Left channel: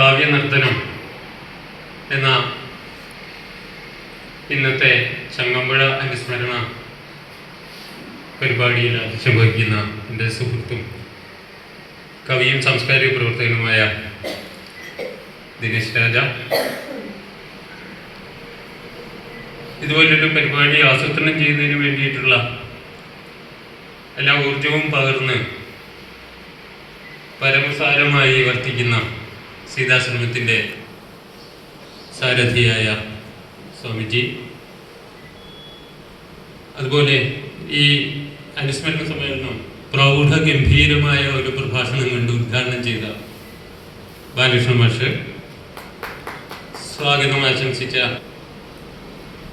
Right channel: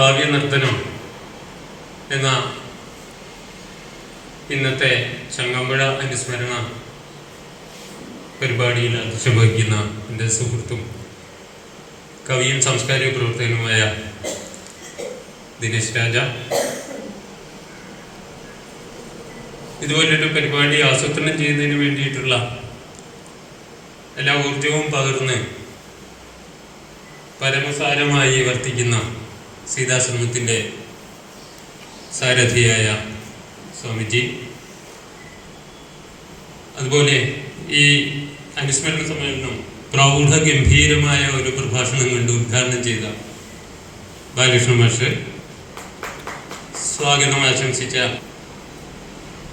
കാവ്യനർത്തനം എന്ന ഇന്നത്തെ ചങ്ങമ്പുഴ അനുസ്മരണ പരിപാടിയിൽ അധ്യക്ഷം വഹിക്കുന്ന എൻ്റെ സുഹൃത്തും കവിയും സാംസ്കാരിക പ്രവർത്തകനുമായ ദിനേശ് രാജ, ഇതുപോലൊരു പരിപാടി ആസൂത്രണം ചെയ്യുന്നതിന് വേണ്ടിയിട്ടുള്ള എല്ലാ ഊർജവും പകർന്ന് പരമസാരമായി വർത്തിക്കുന്ന സീതാശ്രമത്തിൻ്റെ സാരഥിയായ സ്വാമിജി, അതുപോലെ ഈ അനുസ്മരണ സമ്മേളനം പ്രൗഢഗംഭീരമായ ഒരു പ്രഭാഷണം കൊണ്ട് ഉദ്ഘാടനം ചെയ്ത ബാലകൃഷ്ണ മാഷ്, സ്വാഗതം ആശംസിച്ച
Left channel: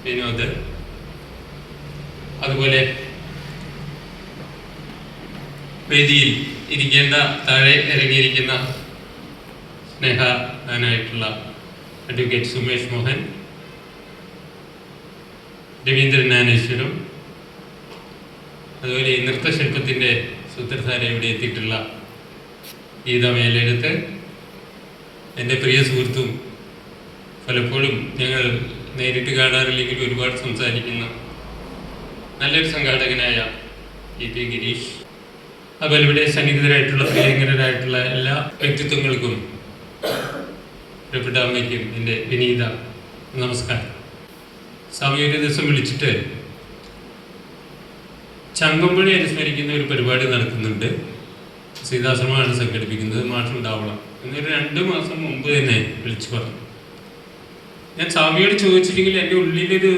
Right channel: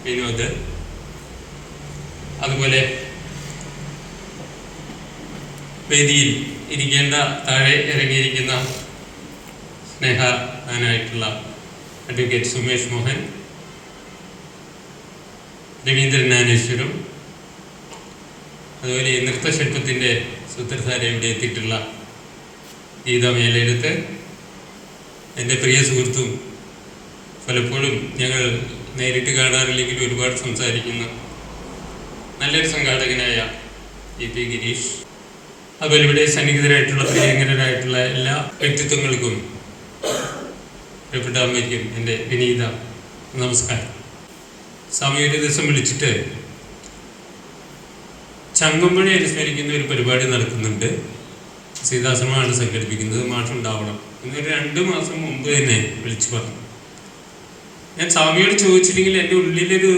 വിനോദ്, അതുപോലെ വേദിയിൽ ഇരിക്കേണ്ട താഴെ ഇറങ്ങിയിരിക്കുന്ന സ്നേഹനായിട്ടുള്ള അഡ്വക്കേറ്റ് സുമേഷ് മോഹൻ, രവീന്ദ്രൻ ജ്ഞാനേശ്വരം, അതുപോലെ ഈ നൃത്തശില്പത്തിൻ്റെ സൂത്രധാര ഇവിടെ എത്തിയിട്ടുള്ള ഗീത മേലെടുത്ത്, എൻ്റെ പ്രിയ സുഹൃത്തും പലപ്പോഴും ഞങ്ങൾ നേരിട്ട് കാണാറില്ലെങ്കിൽ ഒരുപാട് സംസാരിക്കുന്ന നല്ലൊരു സംഘാടകനായ ഇ പി ഗിരീഷ്, അതുപോലെ ഇവിടെ സന്നിഹിതരായിട്ടുള്ള പ്രിയങ്കരായിട്ടുള്ള എല്ലാ വ്യക്തിത്വങ്ങൾക്കും പ്രിയപ്പെട്ട അമ്മയ്ക്കും എൻ്റെ വിനീത നമസ്കാരം. സ്വാമി ഒരു ദിവസം വിളിച്ചിട്ട് ചങ്ങമ്പുഴ അനുസ്മരിക്കുന്ന ഒരു പരിപാടി നടക്കുന്നുണ്ട്, സീതാശ്രമമാണ് സംഘടിപ്പിക്കുന്നത്, മാഷുണ്ടാവണം എന്നൊരു 2 മാസം മുമ്പ് തന്നെ വിളിച്ചു പറഞ്ഞു. ഞാൻ സ്വാമിയോട് ചോദിച്ചില്ലെങ്കിൽ എൻ്റെ ഉള്ളിലൊരു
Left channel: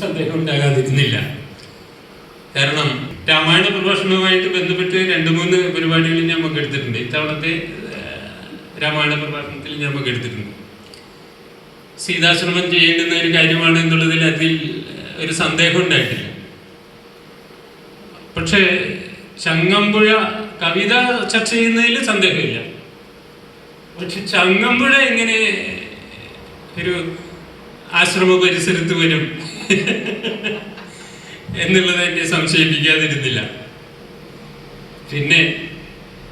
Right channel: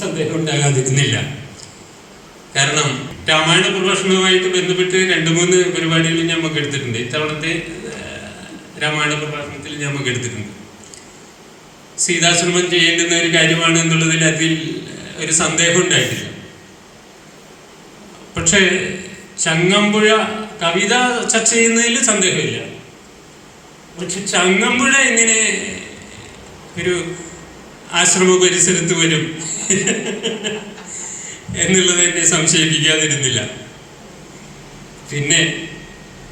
സന്ദേഹം ഉണ്ടാകാതിരുന്നില്ല. കാരണം രാമായണ പ്രഭാഷണവുമായിട്ട് ബന്ധപ്പെട്ട് 2-3 പരിപാടികളിൽ ഞാൻ എടുത്തിട്ടുണ്ട്. ഇത്തവണത്തെ രാമായണ പ്രഭാഷണത്തിൽ ഞാൻ എടുത്തിട്ടുണ്ട്. സീതാശ്രമം ചെയ്യേണ്ടുന്ന ഒരു കാര്യമാണ് എന്നുള്ളതിൽ അതിൽ ഒരു സന്ദേഹം ഉണ്ടായിട്ടില്ല. പക്ഷേ ചങ്ങമ്പുഴ കവിത ചർച്ച ചെയ്യുന്നതിൽ സന്ദേഹമില്ല. പക്ഷെ ചങ്ങമ്പുഴ എങ്ങനെ ഒരു ആശ്രമ പരിസരത്ത് വരും എന്നുള്ളത് എന്നെ സംശയിപ്പിക്കാതിരുന്നില്ല. പിന്നെ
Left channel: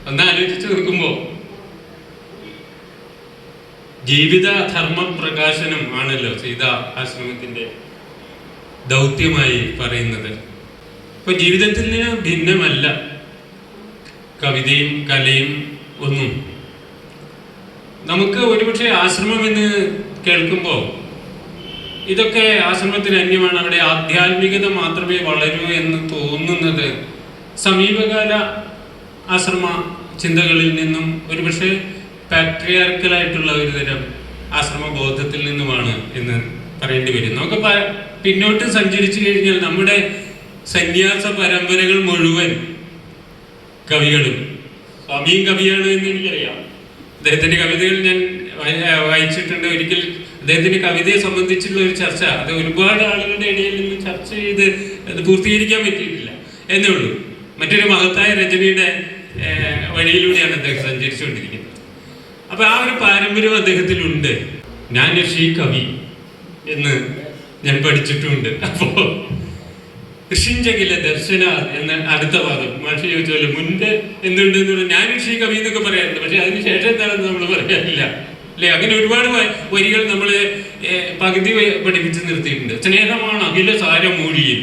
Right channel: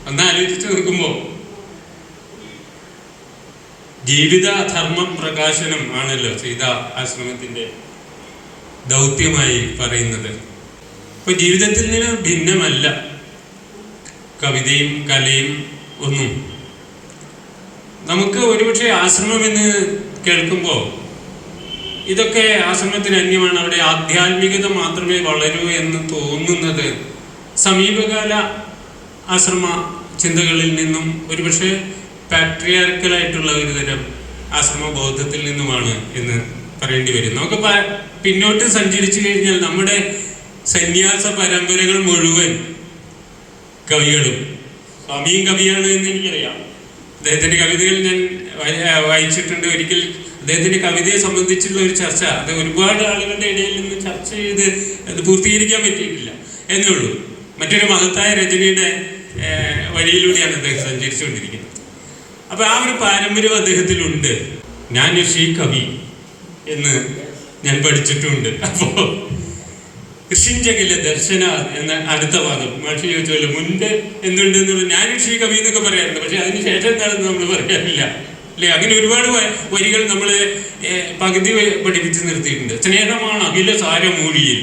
ഒന്ന് ആലോചിച്ച് നോക്കുമ്പോൾ ജീവിത ധർമ്മ പ്രകാശനം ആണല്ലോ സീതാ ആശ്രമത്തിൻ്റെ ദൗത്യമായി പറയുന്നത്. ഇപ്പൊ ജീവിതത്തിൽ നിന്ന് ഭിന്നമല്ല കവിതയും കലയും ഒന്നും. നമുക്ക് ഒരുപക്ഷെ ആശ്രമം എന്ന് കേൾക്കുമ്പോൾ ഇതൊക്കെ ആശ്രമത്തിന് അന്യമാണ്, അവിടെ ആധ്യാത്മികത മാത്രമേ വളരൂ എന്ന് തോന്നുന്നത് സമീപകാല ആശ്രമ ചിന്തകളിൽ നിന്നും ഒരുപക്ഷെ പാട്രിയാർക്കലായിട്ടുള്ള ഒരു തരം ആശ്രമ ബോധത്തിൽ നിന്നുമാണ് എന്ന് പറയേണ്ടി വരും. നമുക്ക് പിന്നോട്ട് സഞ്ചരിച്ചു കഴിഞ്ഞാൽ നമ്മുടെ സന്യാസ പരമ്പരകൾ മുഴുവൻ കവികളും, സ്വാമിയും കവിയാണ് എന്ന് എനിക്കറിയാം. അദ്ദേഹത്തിൻ്റെ കവിതകൾ ഞാൻ വായിച്ചിട്ടുണ്ട്. ഒരിക്കൽ അദ്ദേഹത്തിൻ്റെ കവിതയെ സംബന്ധിച്ചുള്ള ഒരു ചർച്ച, അത് ഒരുപാട് ആളുകളുടെ ഇടയിൽ നിന്ന് ചർച്ച ചെയ്ത് അത് പൂർത്തീകരിക്കാൻ പറ്റിയിട്ടില്ല എന്നേ ഉള്ളൂ. മറ്റൊരു മഹത്തായ രചനയുടെ വഴിയിലൂടെയാണ് അദ്ദേഹം സഞ്ചരിച്ചുകൊണ്ടിരിക്കുന്നത്. അപ്പൊ ആ ഒരു പാരമ്പര്യം അദ്ദേഹത്തിലുണ്ട്. ഞാൻ ഋഷി കവി എന്ന് ഞാൻ പഠിച്ചിട്ടുണ്ട്. അപ്പോ കൃഷിഞ്ചകിലെ ദർശന എന്ന അടുത്ത ഭാഗം മാഷി ചോദിച്ചല്ലോ, മുൻപ് എന്തുണ്ടെന്ന് ഞാൻ ഋഷി കവി എന്നൊക്കെ പറയാറുണ്ട്, പക്ഷെ അതിനുശേഷം എന്താണെന്ന് നമ്മൾ പറയാറില്ല അല്ലെ? അങ്ങനെ ഒരുപാട് വരികൾ നമ്മൾ പകുതി പഠിപ്പിച്ച് നിർത്തിയിട്ടുണ്ട്. സ്നേഹമാണ് അഖില സാരമൂഴിയിൽ.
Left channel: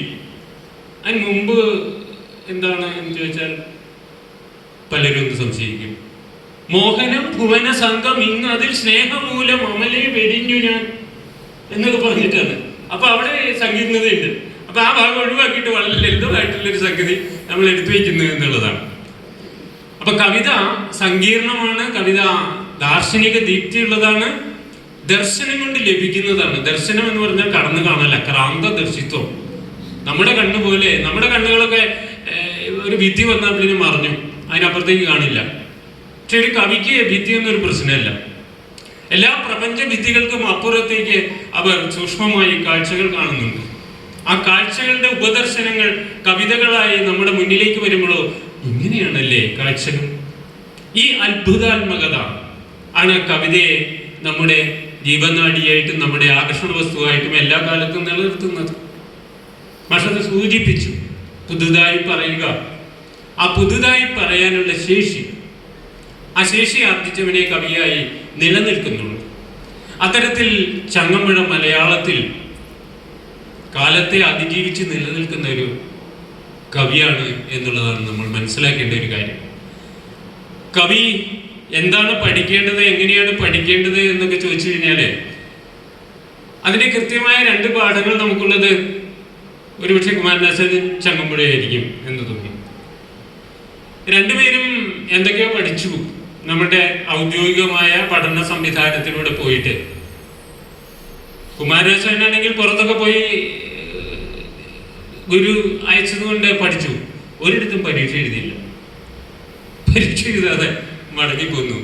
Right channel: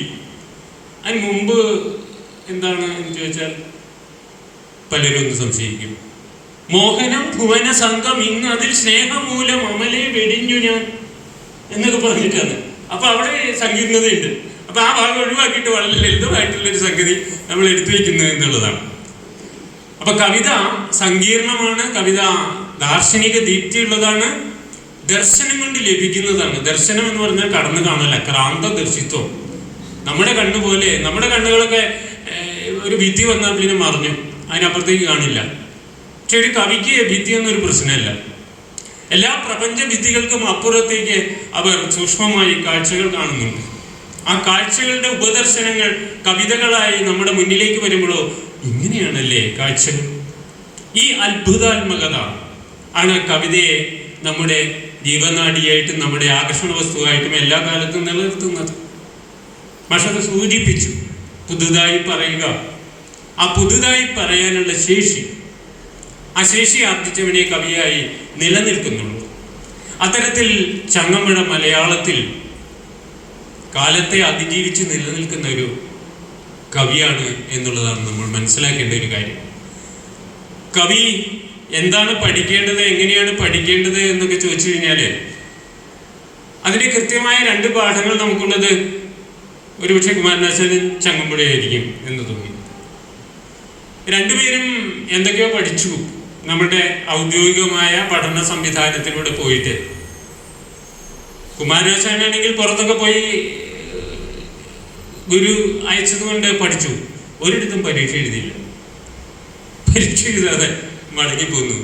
അതിന് മുമ്പ് എന്താണ് എന്ന് ചോദിച്ചാൽ പലരും ഒന്ന് സംശയിക്കും. മോഹനം ഭുവന സംഘം ഇന്ന് അതിൽ സ്നേഹമൂലം അമലെ വെടിഞ്ഞു ഞാൻ എന്നൊക്കെ പറഞ്ഞിട്ടാണ്. അപ്പൊ അവിടെ സങ്കീർണതയുണ്ട്. അപ്പൊ ആ ഭാഗം ഒഴിവാക്കിയിട്ട് വളരെ ലളിതമായിട്ടുള്ളൊരു സംഗതി നമ്മൾ എടുത്തു വയ്ക്കുന്നത് എന്നുള്ളതാണ്. അപ്പൊ കവിത സങ്കീർണമാണ്, കവിത ദാർശനിക ദീപ്തിയുള്ളതാണ്, ദർശനം കൊണ്ട് ലഭിക്കുന്നതാണ്. ദർശനം എന്ന് പറഞ്ഞാൽ കടന്നു കാണല, ക്രാന്ത ദർശിത്വം. നമ്മുടെ കണ്ണുപോലെ, നമ്മുടെ കണ്ണുകളൊക്കെ ഒരു ഭിത്തി വന്നാൽ പിന്നെ മറിഞ്ഞു, അതിനപ്പുറത്തേക്ക് കാണില്ല. പക്ഷെ ഒരു കവിക്ക് ഭിത്തി എന്നൊരു പ്രശ്നമല്ല. എല്ലാ പ്രപഞ്ച ഭിത്തികൾക്കും അപ്പുറത്തേക്ക് അവർ സൂക്ഷ്മമായി കാഴ്ചകൾ കാണുന്നുണ്ട്. ആ കാഴ്ചകളുടെ ഉപദർശനങ്ങൾ കവിതകളായി നമ്മുടെ മുന്നിലേക്ക് വരുമ്പോഴോ ഇങ്ങനെയാണല്ലേ കാഴ്ചകൾ. ഈ അത്ഭുതാത്മകത ആണ് കവിതയെ നമ്മുടെ ജീവനാഡിയായിട്ടും നമ്മുടെ ആകർഷണ വസ്തുവായിട്ടും എല്ലാ കാലത്തും നിലനിർത്തുന്നത്. പക്ഷത് സൂചിപ്പിച്ചു, പുതുതായി പറയുക, ആ പുതുതായി പറയാനുള്ള ശേഷി, അശേഷി ആർജിച്ചവനെ കവിയായി നിലനിൽക്കുന്നുള്ളൂ. അത്തരത്തിൽ ചങ്ങമ്പുഴ മലയാളത്തിൽ കാലത്തെ അതിജീവിച്ച് നിലനിൽക്കുന്ന ഒരു കവിയാണ് എന്നുള്ളതാണ് നമ്മൾ മനസ്സിലാക്കേണ്ട ഒരു കാര്യം. കവി എന്താണ് പഠിക്കേണ്ടത്, എങ്ങനെയാണ് പഠിക്കേണ്ടത് എന്നൊക്കെ ചോദിച്ചു കഴിഞ്ഞാൽ അതിന് കൃത്യമായ 2 പാഠങ്ങൾ നമുക്കുള്ളത് ഒരുപക്ഷെ കുമാരനാശാനും ചങ്ങമ്പുഴയായിരിക്കും എന്ന് തോന്നി. രണ്ടുപേരും എന്തൊക്കെയോ പഠിച്ചു നമ്മുടെ ഔദ്യോഗികമായ പഠന സംവിധാനത്തിലൂടെ പോയിട്ട്. കുമാരനാശാനാണെങ്കിൽ പുറത്തൊക്കെ പോയി ഗുരു അയച്ചതുകൊണ്ട് പഠിച്ചു, ഒരിടത്തും പരീക്ഷ എഴുതിയില്ല. പരീക്ഷ എഴുതാതെ മടങ്ങിപ്പോന്നു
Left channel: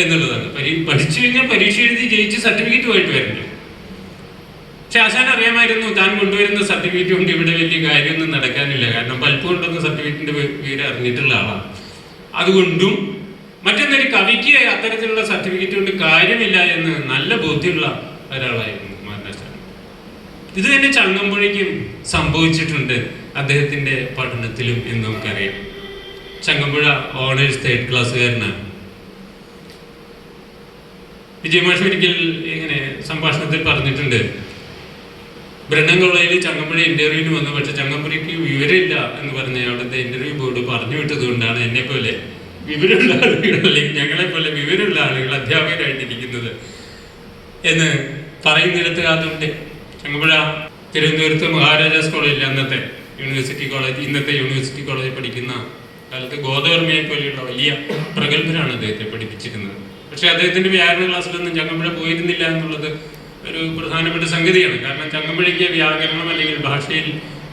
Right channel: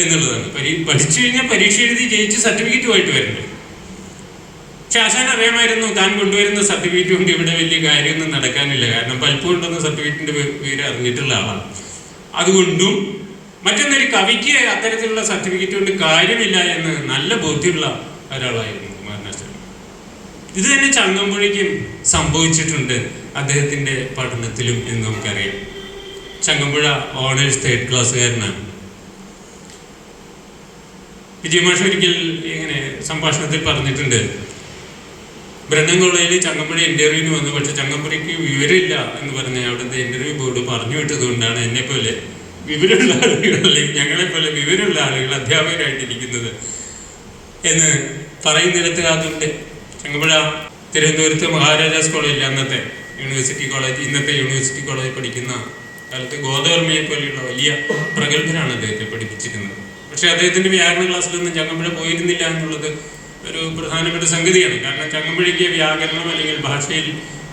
എന്നുള്ളതാണ്. പഠിച്ചു കഴിഞ്ഞാൽ പരീക്ഷ എഴുതി ജയിച്ച് സർട്ടിഫിക്കറ്റുമായിട്ട് വരണ്ടേ. പക്ഷെ ആശാൻ അറിയാമായിരുന്നു താൻ കൊണ്ടുവരുന്ന സർട്ടിഫിക്കറ്റ് കൊണ്ട് ഇവിടെ വലിയ കാര്യമൊന്നും നടക്കാനില്ല. കാരണം പലപ്പോഴും കൊണ്ടുവന്ന സർട്ടിഫിക്കറ്റിന്റെ പേര് അറിഞ്ഞിട്ടുള്ള ആളാണ്. അതുകൊണ്ടും മറ്റൊന്നൊരു കവിക്ക് അത്തരത്തിലുള്ള സർട്ടിഫിക്കറ്റ് കൊണ്ട് കാര്യമില്ല എന്ന് നല്ല ബോധ്യമുള്ള ഒരാളായിരുന്നു കുമാരനാശാൻ. ഇത് തന്നെ ചങ്ങമ്പുഴയ്ക്കും സംഭവിച്ചിട്ടുണ്ട് അദ്ദേഹത്തിന്റെ പഠനത്തിലും എന്ന് നമുക്കറിയാം. Changampuzha owners 3rd ക്ലാസ്സുകാരനാണ്. വിജയമാഷ് ഒരിക്കൽ ഇങ്ങനെ സംഭാഷണത്തിൽ പറഞ്ഞിട്ടുണ്ട്, ബ്രണ്ണൻ കോളേജിൽ ചങ്ങമ്പുഴ ഇന്റർവ്യൂവിന് വന്നു, പക്ഷെ ചങ്ങമ്പുഴയ്ക്ക് വിവരമില്ല എന്ന് പറഞ്ഞ് അവിടുത്തെ ഇന്റർവ്യൂ ബോർഡ് പറഞ്ഞു വിട്ടത് കൊണ്ടാണ് എന്നെ പോലെ വിവരമുള്ള ആളുകൾ അല്ലെങ്കിൽ ഞങ്ങളെ പോലെ വിവരമുള്ള ആളുകൾ അധ്യാപകരായിട്ടിരിക്കുന്നത് എന്ന് പറയുന്നിടത്ത് അതുണ്ട്. ചങ്ങമ്പുഴ തിരുവനന്തപുരത്ത് മഹാരാജാസ് കോളേജിൽ, അന്നത്തെ യൂണിവേഴ്സിറ്റി കോളേജ്, ഇന്നത്തെ യൂണിവേഴ്സിറ്റി കോളേജ് പഠിക്കുന്ന കാലത്ത് ഗോദവർമ്മയെ പോലെയുള്ള വലിയ പ്രഗത്ഭരാണ് അദ്ദേഹത്തെ പഠിപ്പിച്ചിരുന്നത്. പക്ഷെ അദ്ദേഹത്തിന്റെ വ്യാകരണ ക്ലാസ്സിലൊന്നും ചങ്ങമ്പുഴ പോയിരുന്നില്ല എന്നുള്ളത് ഒരു പ്രധാനപ്പെട്ട സംഗതിയാണ്. കാരണം ചങ്ങമ്പുഴയ്ക്ക് വ്യാകരണം അല്ലെങ്കിൽ ഭാഷയിൽ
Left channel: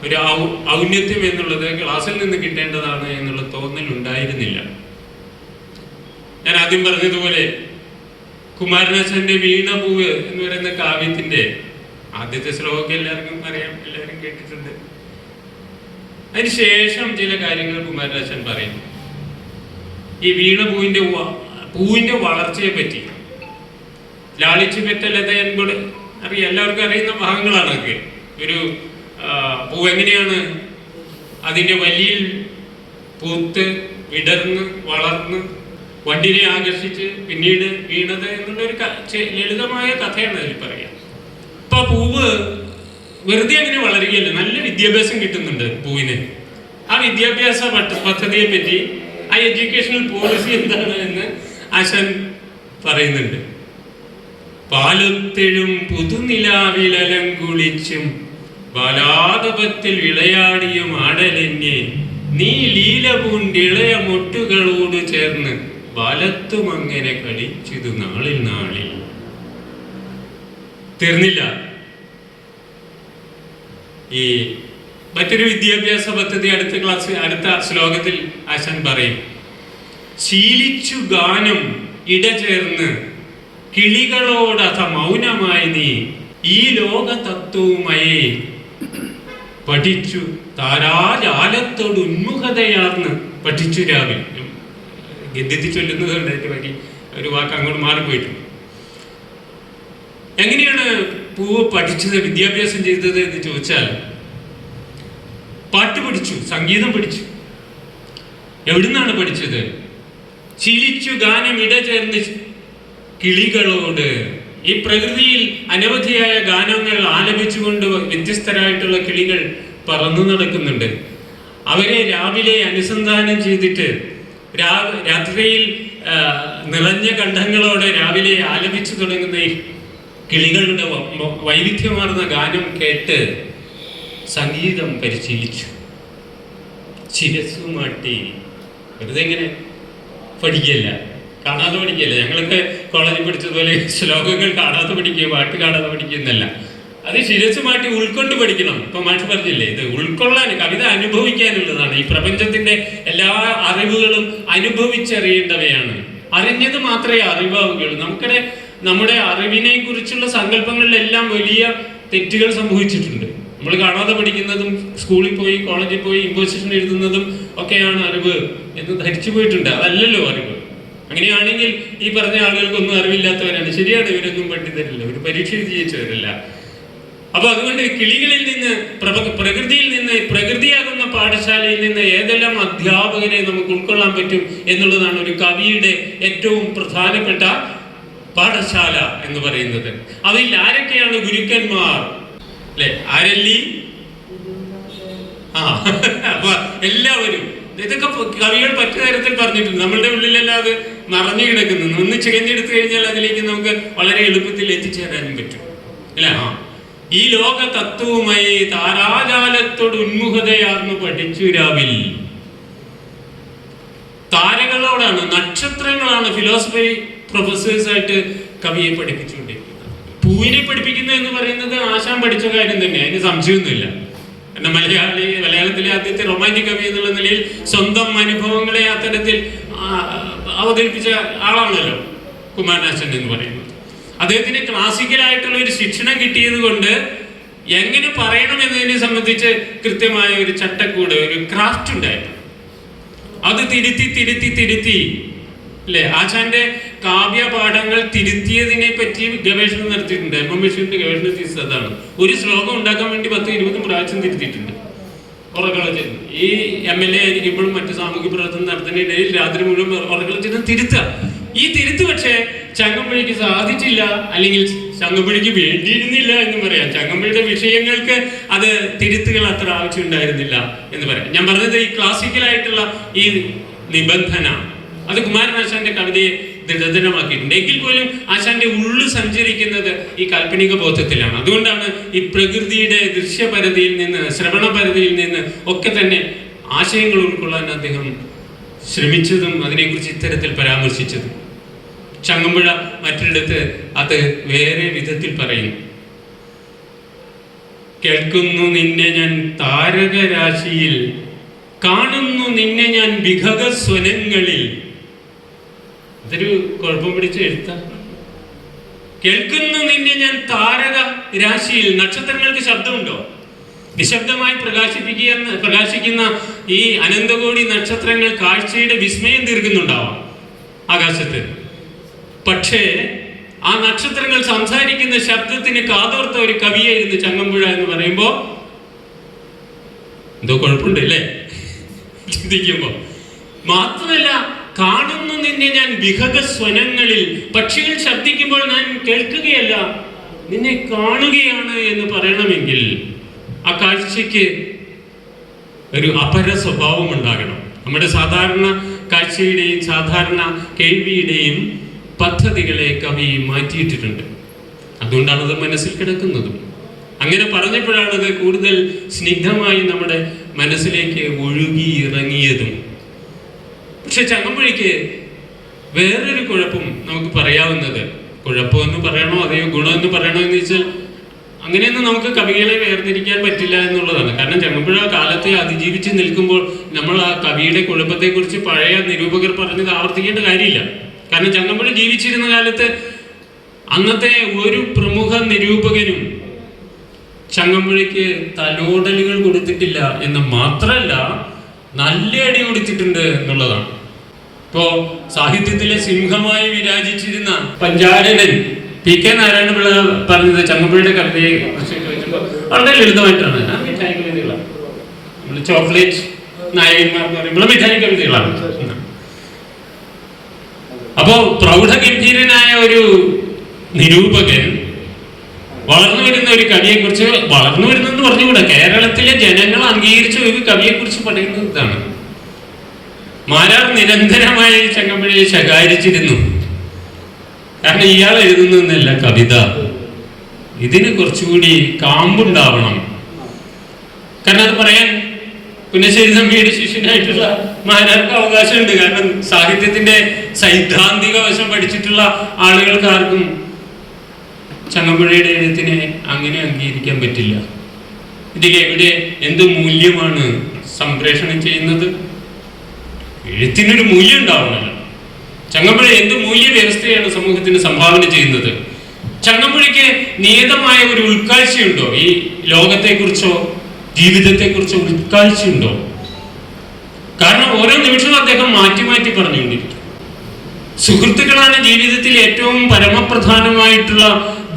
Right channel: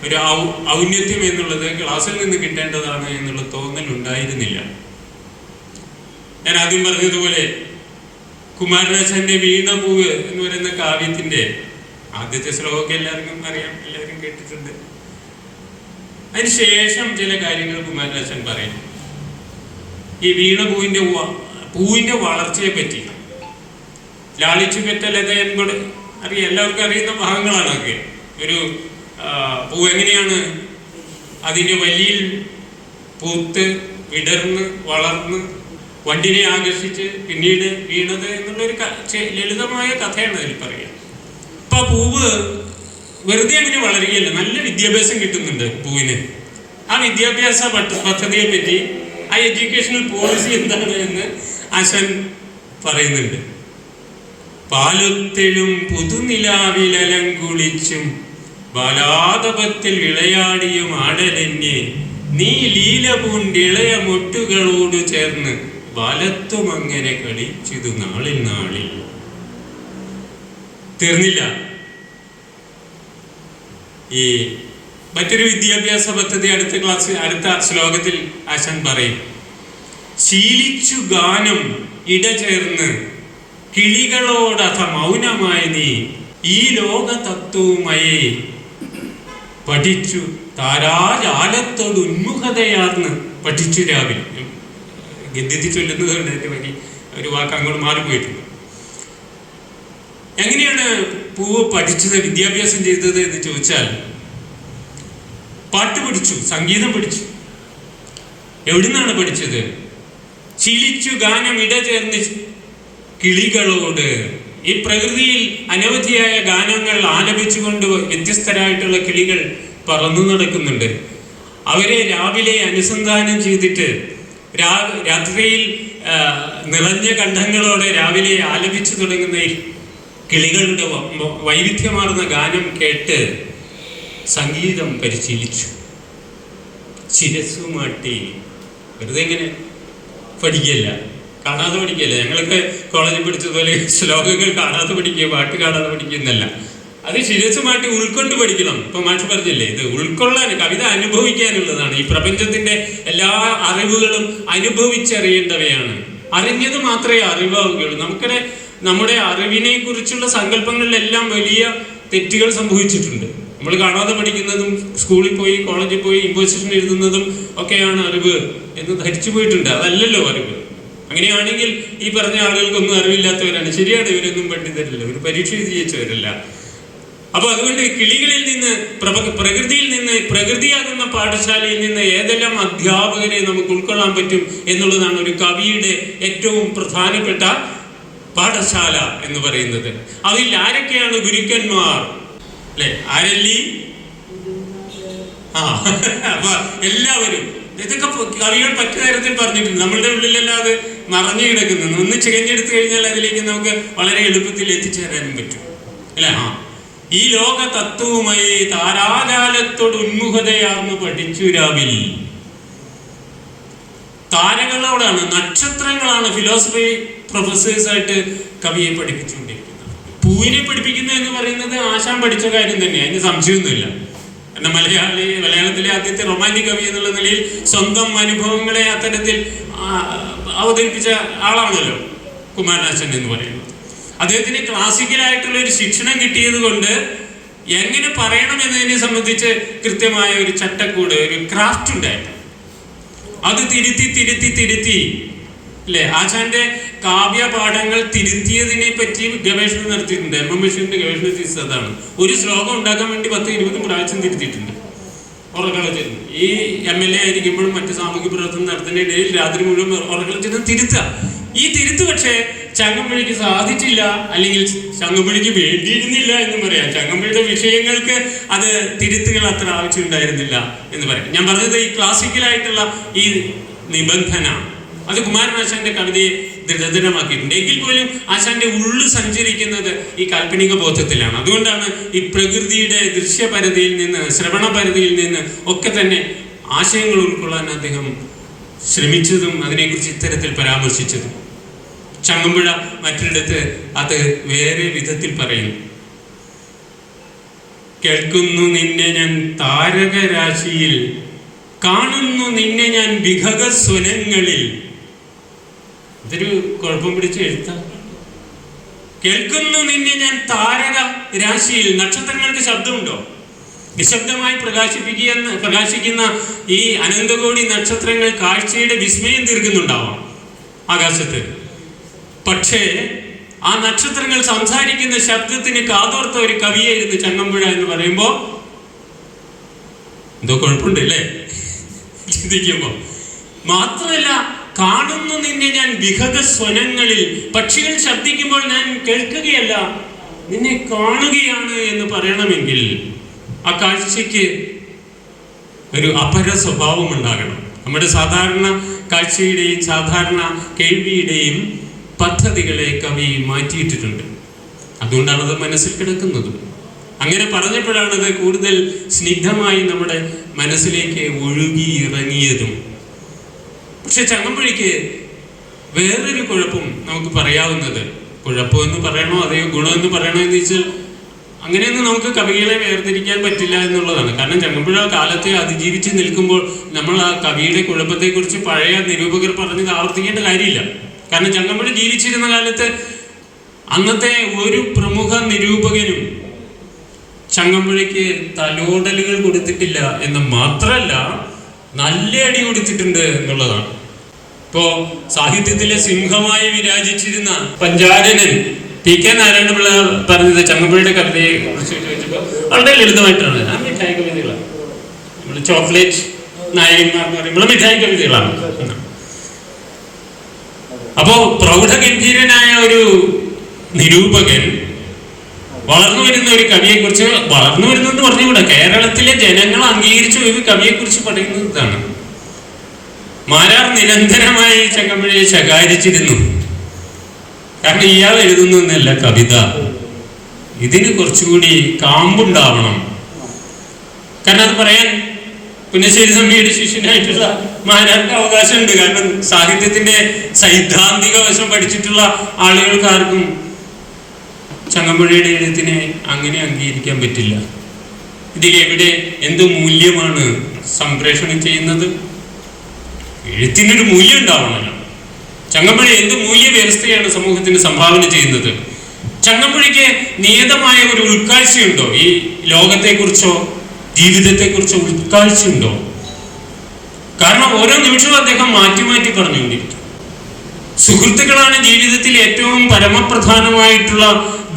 ഒരു ഔന്നത്യം എന്നുള്ളത് ക്ലാസ്സിൽ നിന്ന് കിട്ടേണ്ടതാണ് എന്നുള്ള തോന്നൽ ഉണ്ടായിരുന്നില്ല. ഞാൻ ആദ്യം പറഞ്ഞതുപോലെ കുമാരനാശാന്റെ വീണപൂവ് എന്ന് പറയുന്ന കാവ്യത്തിന്റെ ആദ്യത്തെ ശ്ലോകം എല്ലാവർക്കും അറിയാം, എല്ലാവരും കേട്ടിട്ടുണ്ട്. അതിനുശേഷം ചില കാര്യങ്ങൾ കുമാരനാശാൻ പറയും. ഈ പൂവിന്റെ വളർച്ചയെ പറ്റി ലാളിച്ചു പെറ്റലത എന്നോട് അറിയാം, എല്ലാവർക്കും അറിയുന്ന ഭാഗങ്ങളാണ് അതൊക്കെ. ഒരു പൂ എങ്ങനെയാണ് അതിൻ്റെ വലിയിൽ പൂത്ത് വിടർന്ന് വളർന്ന് വണ്ടിനെ ആകർഷിച്ച് പിന്നീട് വീണത് എന്നുള്ളൊരു ലളിതമായ കഥയാണ് അതിൽ പറയാം. ഇപ്പൊ പൂവ് വെറുതെ അങ്ങനെ വളരുകയല്ല, നല്ല വിദ്യാഭ്യാസം കിട്ടുന്നുണ്ട് പൂവിന്. ആ വിദ്യാഭ്യാസ പദ്ധതിയെ പറ്റി, ആ എഡ്യൂക്കേഷണൽ പോളിസി എന്താണ് എന്ന് ആശാൻ പറയുന്നുണ്ട്. പാലത്തിലും പുതുനിലാവിലലം കുളിച്ചും ബാലാതപത്തിൽ വിളയാടിയും ആടലഞ്ഞ് നീ ലീല പൂണ്ടിളയ മൊട്ടുകളോട് ചേർന്ന് ബാലത്വം അങ്ങനെ കളിച്ചിതു നാളിൽ നാളിൽ. തീർന്നില്ല. ഈ മറ്റൊരു വിദ്യാഭ്യാസ പദ്ധതി അടുത്ത ശ്ലോകത്തിൽ ആശാൻ പറയും. ശീലിച്ചു ഗാനം ഇടചേർന്ന് കിളികളോടഥ മൗനമായി നീ ഈ ലോക തത്വവുമയേ പഠിച്ചു താരാജാലത്തോട് ഉന്മുഖതയാർന്ന് പഠിച്ചു രാവിലെ. ഗദ്യത്തിൽ ചൊല്ലുന്നത് കൊണ്ട് അതിന്റെ വരി ഒരു വാക്ക് അങ്ങോട്ട് മാറിപ്പോയിട്ടുണ്ട്. എങ്ങനെയാണ് പൂവ് പഠിച്ചത്, വിദ്യാഭ്യാസം ചെയ്തത് എന്ന് ചോദിച്ചാൽ, പാട്ട് പഠിച്ചു, സംഗീതം പഠിച്ചു. എവിടുന്നാണ് പഠിച്ചത്? ശീലിച്ചു ഗാനം ഇടചേർന്ന് കിളികളോട്. ഈ പ്രകൃതിയിൽ അനവധിയായ ഗാനങ്ങൾ ആലപിച്ചുകൊണ്ട് വ്യത്യസ്തരായിട്ടുള്ള കിളികൾ പറന്നു നടക്കുന്നുണ്ട്. അവരെ രാവിലെ അനുസന്ധാനം ചെയ്തിട്ട് രാത്രിയിൽ നിറഞ്ഞ കണ്ഠങ്ങളോടെ രാവിലെ ആലപിച്ചു തുടങ്ങുന്ന ഈ കിളികളുടെ വൈവിധ്യമാർന്ന ഗാനം കേട്ട് സംഗീതം പരിശീലിച്ചു. ശിരസ്സുമാട്ടി. വെറുതെ ഇങ്ങനെ പഠിക്കുകയല്ല, കാണാതെ പഠിക്കുകയല്ല. ഞങ്ങളൊക്കെ കോളേജിൽ പഠിച്ചതുപോലെ ശ്ലോകങ്ങൾ കാണാതെ പഠിക്കുക, പാട്ട് കാണാതെ പഠിക്കുന്നല്ല. അത് ശിരസ്സുമാട്ടി ഉൾക്കൊണ്ട് പഠിക്കണം. ഇപ്പൊ മാഷ് പറഞ്ഞില്ലേ, ഇത് ഉൾക്കൊള്ളാൻ, കവിത അനുഭവിക്കാനുള്ളതാണ്. ഈ പ്രപഞ്ചത്തിന്റെ എല്ലാ അറിവുകളും അനുഭവിച്ചറിയേണ്ടവയാണ്. അറിഞ്ഞത് മാത്രമേ അറിവാവുകയുള്ളൂ. നമ്മുടെ അറിവിനെ കുറിച്ചുള്ള സങ്കല്പങ്ങളിലെല്ലാം വലിയ തെറ്റുകൾ സംഭവിച്ചിട്ടുണ്ട്. നമ്മൾ കാണാതെ പഠിക്കുന്നതും സ്കൂളിൽ പോയി കോളേജിൽ പോയി ഇമ്പോസിഷൻ എഴുതുന്നതും ഒക്കെയാണ് അറിവ് എന്ന് ധരിച്ചു പോയിട്ടുണ്ട്. അതല്ലല്ലോ അറിവ്. അങ്ങനെയാണെങ്കിൽ ഈ പറഞ്ഞ ആളുകൾക്കൊന്നും അറിവില്ലാത്തവരാണ്. ശരിയാണ്, ഇവരൊന്നും പണ്ഡിതരല്ല, ഒരു പരീക്ഷ ജയിച്ചവരല്ല. അപ്പൊ അതുകൊണ്ട് കിളികളിൽ നിന്ന്, പ്രകൃതിയിൽ നിന്ന്, പ്രകൃതിയാകുന്ന പാഠശാലയിൽ നിന്ന് ഏതെല്ലാം അധ്യാപകരെ നമുക്ക് ഉൾക്കൊള്ളാൻ പറ്റും എന്നുള്ളതാണ് ഒരു കവിയുടെ ഏറ്റവും പ്രധാനപ്പെട്ട പാഠശാല എന്ന് പറയുന്നത്. അതിൽ ആരൊക്കെയാണ് ഗുരുക്കന്മാർ അല്ലെ? ആരല്ലി? അപ്പൊ എല്ലാവരും ഇതൊക്കെ കവികൾ പറ്റ നേരത്തിൽ പറഞ്ഞിട്ടുണ്ട്. നമ്മളുടെ ഉള്ളിലല്ലാതെ മറഞ്ഞു കിടക്കുന്നു. ഒന്ന് ചികഞ്ഞെടുത്തു കഴിഞ്ഞാൽ അതിലേക്ക് നമുക്ക് വളരെ എളുപ്പത്തിൽ എത്തിച്ചേരാനും പറ്റും അല്ലെ? ഈ ലോക തത്വവുമായി താരാജാലത്തോട് ഉന്മുഖതയാർന്നു പഠിച്ചു രാവിൽ. താരകളോടാണ്, നക്ഷത്രങ്ങളാണ് ഫിലോസഫി പ്രൊഫസേഴ്സായിട്ട് കവിയെ പഠിപ്പിച്ചുകൊണ്ടിരിക്കുന്നത്. പൂവിനെ പഠിപ്പിക്കുന്നത് എന്ന് പറയുന്നത് ആശാൻ പഠിച്ച കാര്യം തന്നെ, അതിന് സംശയമൊന്നുമില്ല. എന്നാൽ മലയാളത്തിലെ ആദ്യത്തെ റൊമാൻറ്റിക് കവി എന്നുള്ള നിലയിൽ സ്വന്തം അനുഭവങ്ങളെ അത്തരത്തിൽ അവതരിപ്പിച്ച ആളാണല്ലോ കുമാരനാശൻ എന്ന് പറയുന്നത്. അദ്ദേഹത്തിന് ക്ലാസിക്കലായിട്ടുള്ള ഒരു ശിക്ഷണം കിട്ടിയത് കൊണ്ട് എങ്ങനെ പറയണം എന്നതിനെ സംബന്ധിച്ച് കൃത്യമായ ഒരു ചട്ടക്കൂട്, ഒരു ക്രാഫ്റ്റ് ഉണ്ടായിരുന്നു. അത് തിരുത്തി അല്ലെ? ആശാന്റെ കാവ്യ പാഠങ്ങൾ തിരുത്തിയതിനെ പറ്റി ഗവേഷണം നടത്തിയിട്ടുണ്ട്. എം.എം. ഗവേഷണ തീസിസ് അതാണ്. ഒരു ശ്ലോകം ഉണ്ടാക്കാൻ വേണ്ടി 10-20 പ്രാവശ്യം തിരുത്തിയിട്ടുണ്ട്. ഉറക്കളത്തിൽ ഈ MLA ആയിരിക്കുമ്പോഴും മറ്റു സാമൂഹിക പ്രവർത്തനം നടത്തുന്നതിനിടയിൽ രാത്രി മുഴുവൻ ഉറക്കളത്തിൽ തിരുത്തുക. ഈ തിരുത്ത് പക്ഷേ ചങ്ങമ്പുഴയ്ക്ക് സാധിച്ചില്ല, അല്ലെങ്കിൽ ചങ്ങമ്പുഴയ്ക്ക് വേണ്ടിയിരുന്നില്ല എന്ന് പറയാം. ചങ്ങമ്പുഴയുടെ വിഷയങ്ങൾക്ക് അത് തിരുത്തുകൾ അത്ര ആവശ്യമുണ്ടായിരുന്നില്ല എന്ന് പറയാം. ഞാൻ പറഞ്ഞത് ഈ ക്ലാസിക്കലായിട്ടുള്ള ഈ നിബന്ധന അത് കുമാരനാശാന്റെ കവിതയെ ദൃഢതരമാക്കിയിട്ടുണ്ട്. എങ്കിൽ പോലും ആശാന്റെ ഉള്ളു സഞ്ചരിക്കുന്നത് ഈ കാൽപ്പനിക ബോധത്തിലാണ്. അതുകൊണ്ടാണ് ഈ പ്രകൃതിയുടെ ദൃശ്യപരിധിയിൽ നിന്ന്, ശ്രവണപരിധിയിൽ നിന്ന് ഒക്കെ തന്നെ ആശയങ്ങൾ ഉൾക്കൊള്ളാൻ അദ്ദേഹം ശ്രമിച്ചതും അതിനെക്കുറിച്ച് ഇത്തരത്തിൽ പരാമർശിച്ചതും. ചങ്ങമ്പുഴ മറ്റൊരിടത്ത് അത് വേറെ വിധത്തിൽ പറയുന്നു. കേൾക്കുന്നു നിന്നെ ഞാൻ താരകരാശിയിൽ, കാണുന്നു നിന്നെ ഞാൻ വിഹഗ സ്വനങ്ങളിൽ. ഇതൊരു കുഴപ്പം പിടിച്ച് എഴുത്താം. കേൾക്കുന്നു നിന്നെ ഞാൻ താരക രാശിയിൽ. നക്ഷത്രങ്ങൾക്ക് ശബ്ദമുണ്ടോ? നിശബ്ദമായി പ്രകാശിക്കുന്ന ഈ അനന്തകോടി നക്ഷത്രങ്ങൾ കാഴ്ചയുടെ വിസ്മയം തീർക്കുന്നുണ്ടാവാം ആകാശത്ത്. പക്ഷേ ആ നക്ഷത്രങ്ങൾ സംസാരിക്കുന്ന ശബ്ദത്തിന് കാതോർത്ത ഒരു കവിയായിരുന്നു ചങ്ങമ്പുഴ എന്ന് പറയുമ്പോ എന്തോ കുഴപ്പമുണ്ട് അല്ലേ ചിന്തിക്കുമ്പോ. മാത്രമല്ല, കാണുന്നു നിന്നെ ഞാൻ വിഹഗ സ്വനങ്ങളിൽ. പക്ഷികൾ ശബ്ദിക്കുമ്പോൾ ഞാൻ കേൾക്കുകയല്ല, നിന്നെ കാണുകയാണ് എന്ന് പറയണമെങ്കിൽ ആ കാഴ്ചയ്ക്ക് ഒരു അപര സ്വഭാവം ഉണ്ടാകണം. നമ്മുടെ സാധാരണ കാഴ്ചയുടെയും സാധാരണ കേൾവിയുടെയും പദ്ധതികളെ കവി മാറ്റിയിട്ടിട്ടുണ്ട്. അതുകൊണ്ടാണ് അത് മനസ്സിൽ കിടക്കുന്നതും. അങ്ങനെ പറഞ്ഞപ്പോഴാണത് കൂടുതൽ സ്നിഗ്ധമായി നമ്മുടെ മനസ്സിലേക്ക് ഒഴുകി ഇറങ്ങിയതും. പക്ഷെ ചങ്ങമ്പുഴയ്ക്ക് വേറൊരു കുഴപ്പം നമുക്ക് പറയാവുന്നത്, കുഴപ്പമെന്ന് പറയണോ അതെയോ ഗുണമെന്ന് പറയണോ എന്ന് വെച്ചാൽ അങ്ങനെയൊന്നും നമുക്ക് കവികളെ വേർതിരിക്കാൻ പറ്റില്ല എന്നുള്ളതാണ്. കാരണം ചങ്ങമ്പുഴ കാലത്തെ അതിജീവിച്ച് നിൽക്കുമ്പോൾ നമ്മൾ ആ കവിയുടെ കുഴപ്പത്തെക്കുറിച്ച് പഴയ നിരൂപകർ പറഞ്ഞത് ആവർത്തിക്കേണ്ട കാര്യമില്ല. കാരണം ചങ്ങമ്പുഴ ജീവിച്ചിരുന്ന കാലത്ത് അന്നത്തെ ഒരു പ്രമുഖ നിരൂപകനും ചങ്ങമ്പുഴയ്ക്ക് തലോടലുകൾ കൊടുത്തിട്ടില്ല എന്ന് മാത്രമല്ല, നല്ല അടി കൊടുത്തിട്ടുണ്ട് എന്നുള്ളതാണ്. ഇപ്പോ സാഹിത്യത്തിലെ സിംഹമായി വിരാജിച്ചിരുന്ന പഞ്ചാരനൻ PK നാരായണപിള്ള പറഞ്ഞത് ചങ്ങമ്പുഴയുടെ കവിതയെ കുറിച്ച് ചോദിച്ചപ്പോൾ വളരെ ലളിതമായിട്ടാണ്. ആ മിഠായി കവിതകളാണ്, നമ്മൾ ചോക്ലേറ്റ് നായകന്മാർ എന്ന് പറയുമ്പോൾ മിഠായി കവിതകളാണ്. അപ്പോ പ്രൗഢഗംഭീരനായ ഒരു നിരൂപകൻ വളർന്നു വരുന്ന ഒരു കവിയെ കുറിച്ച്, വളർന്നു വരുന്നെന്ന് പറഞ്ഞുകൂടാ, കേരളത്തിലെ ജനങ്ങൾ അംഗീകരിച്ച ഒരു കവിയെ കുറിച്ച് പറയുന്നതാണ്. മാരാർ നിരന്തരമായി ചങ്ങമ്പുഴയെ ശകാരിച്ചിരുന്നു. കാരണം ഇയാൾ എഴുതുന്നല്ല കവിത, ഇതിന് കുറച്ചുകൂടി കാമ്പുണ്ടാവണം. കാരണം അത് പറയാൻ പുന്നശ്ശേരി തമ്പിയുടെ ശിഷ്യനായിട്ടുള്ള മാരാർക്ക് അവകാശമുണ്ട്. കാരണം സാഹിത്യത്തിന്റെ സൈദ്ധാന്തിക വശം പഠിച്ചിട്ടുള്ള ആളുകൾക്ക് ആർക്കും ചങ്ങമ്പുഴയുടെ എഴുത്തിനെ അങ്ങനെ അംഗീകരിക്കാൻ പറ്റില്ല. ഇതിലെവിടെ എന്ത് മൂല്യമാണ് സംപ്രേഷണം ചെയ്യുന്നത്? എഴുത്തിനൊരു മൂല്യം ഉണ്ടാവണമല്ലോ. ചങ്ങമ്പുഴ എന്ത് മൂല്യ വ്യവസ്ഥയാണ് സമൂഹത്തിന് സംഭാവന ചെയ്യുന്നത്? ചങ്ങമ്പുഴയ്ക്ക് നിയതമായ ഒരു ഉൾക്കാഴ്ചയുണ്ടോ? ഈ ലോകത്തെക്കുറിച്ചോ ജീവിതത്തെക്കുറിച്ചോ ഉൾക്കാഴ്ചയുണ്ടോ? കാരണം ഓരോ നിമിഷവും അദ്ദേഹം മാറ്റി മാറ്റി പറഞ്ഞുകൊണ്ടിരിക്കും. സുഹൃത്തുക്കളാണ് ജീവിതത്തിൽ ഏറ്റവും പരമപ്രധാനമായിട്ടുള്ള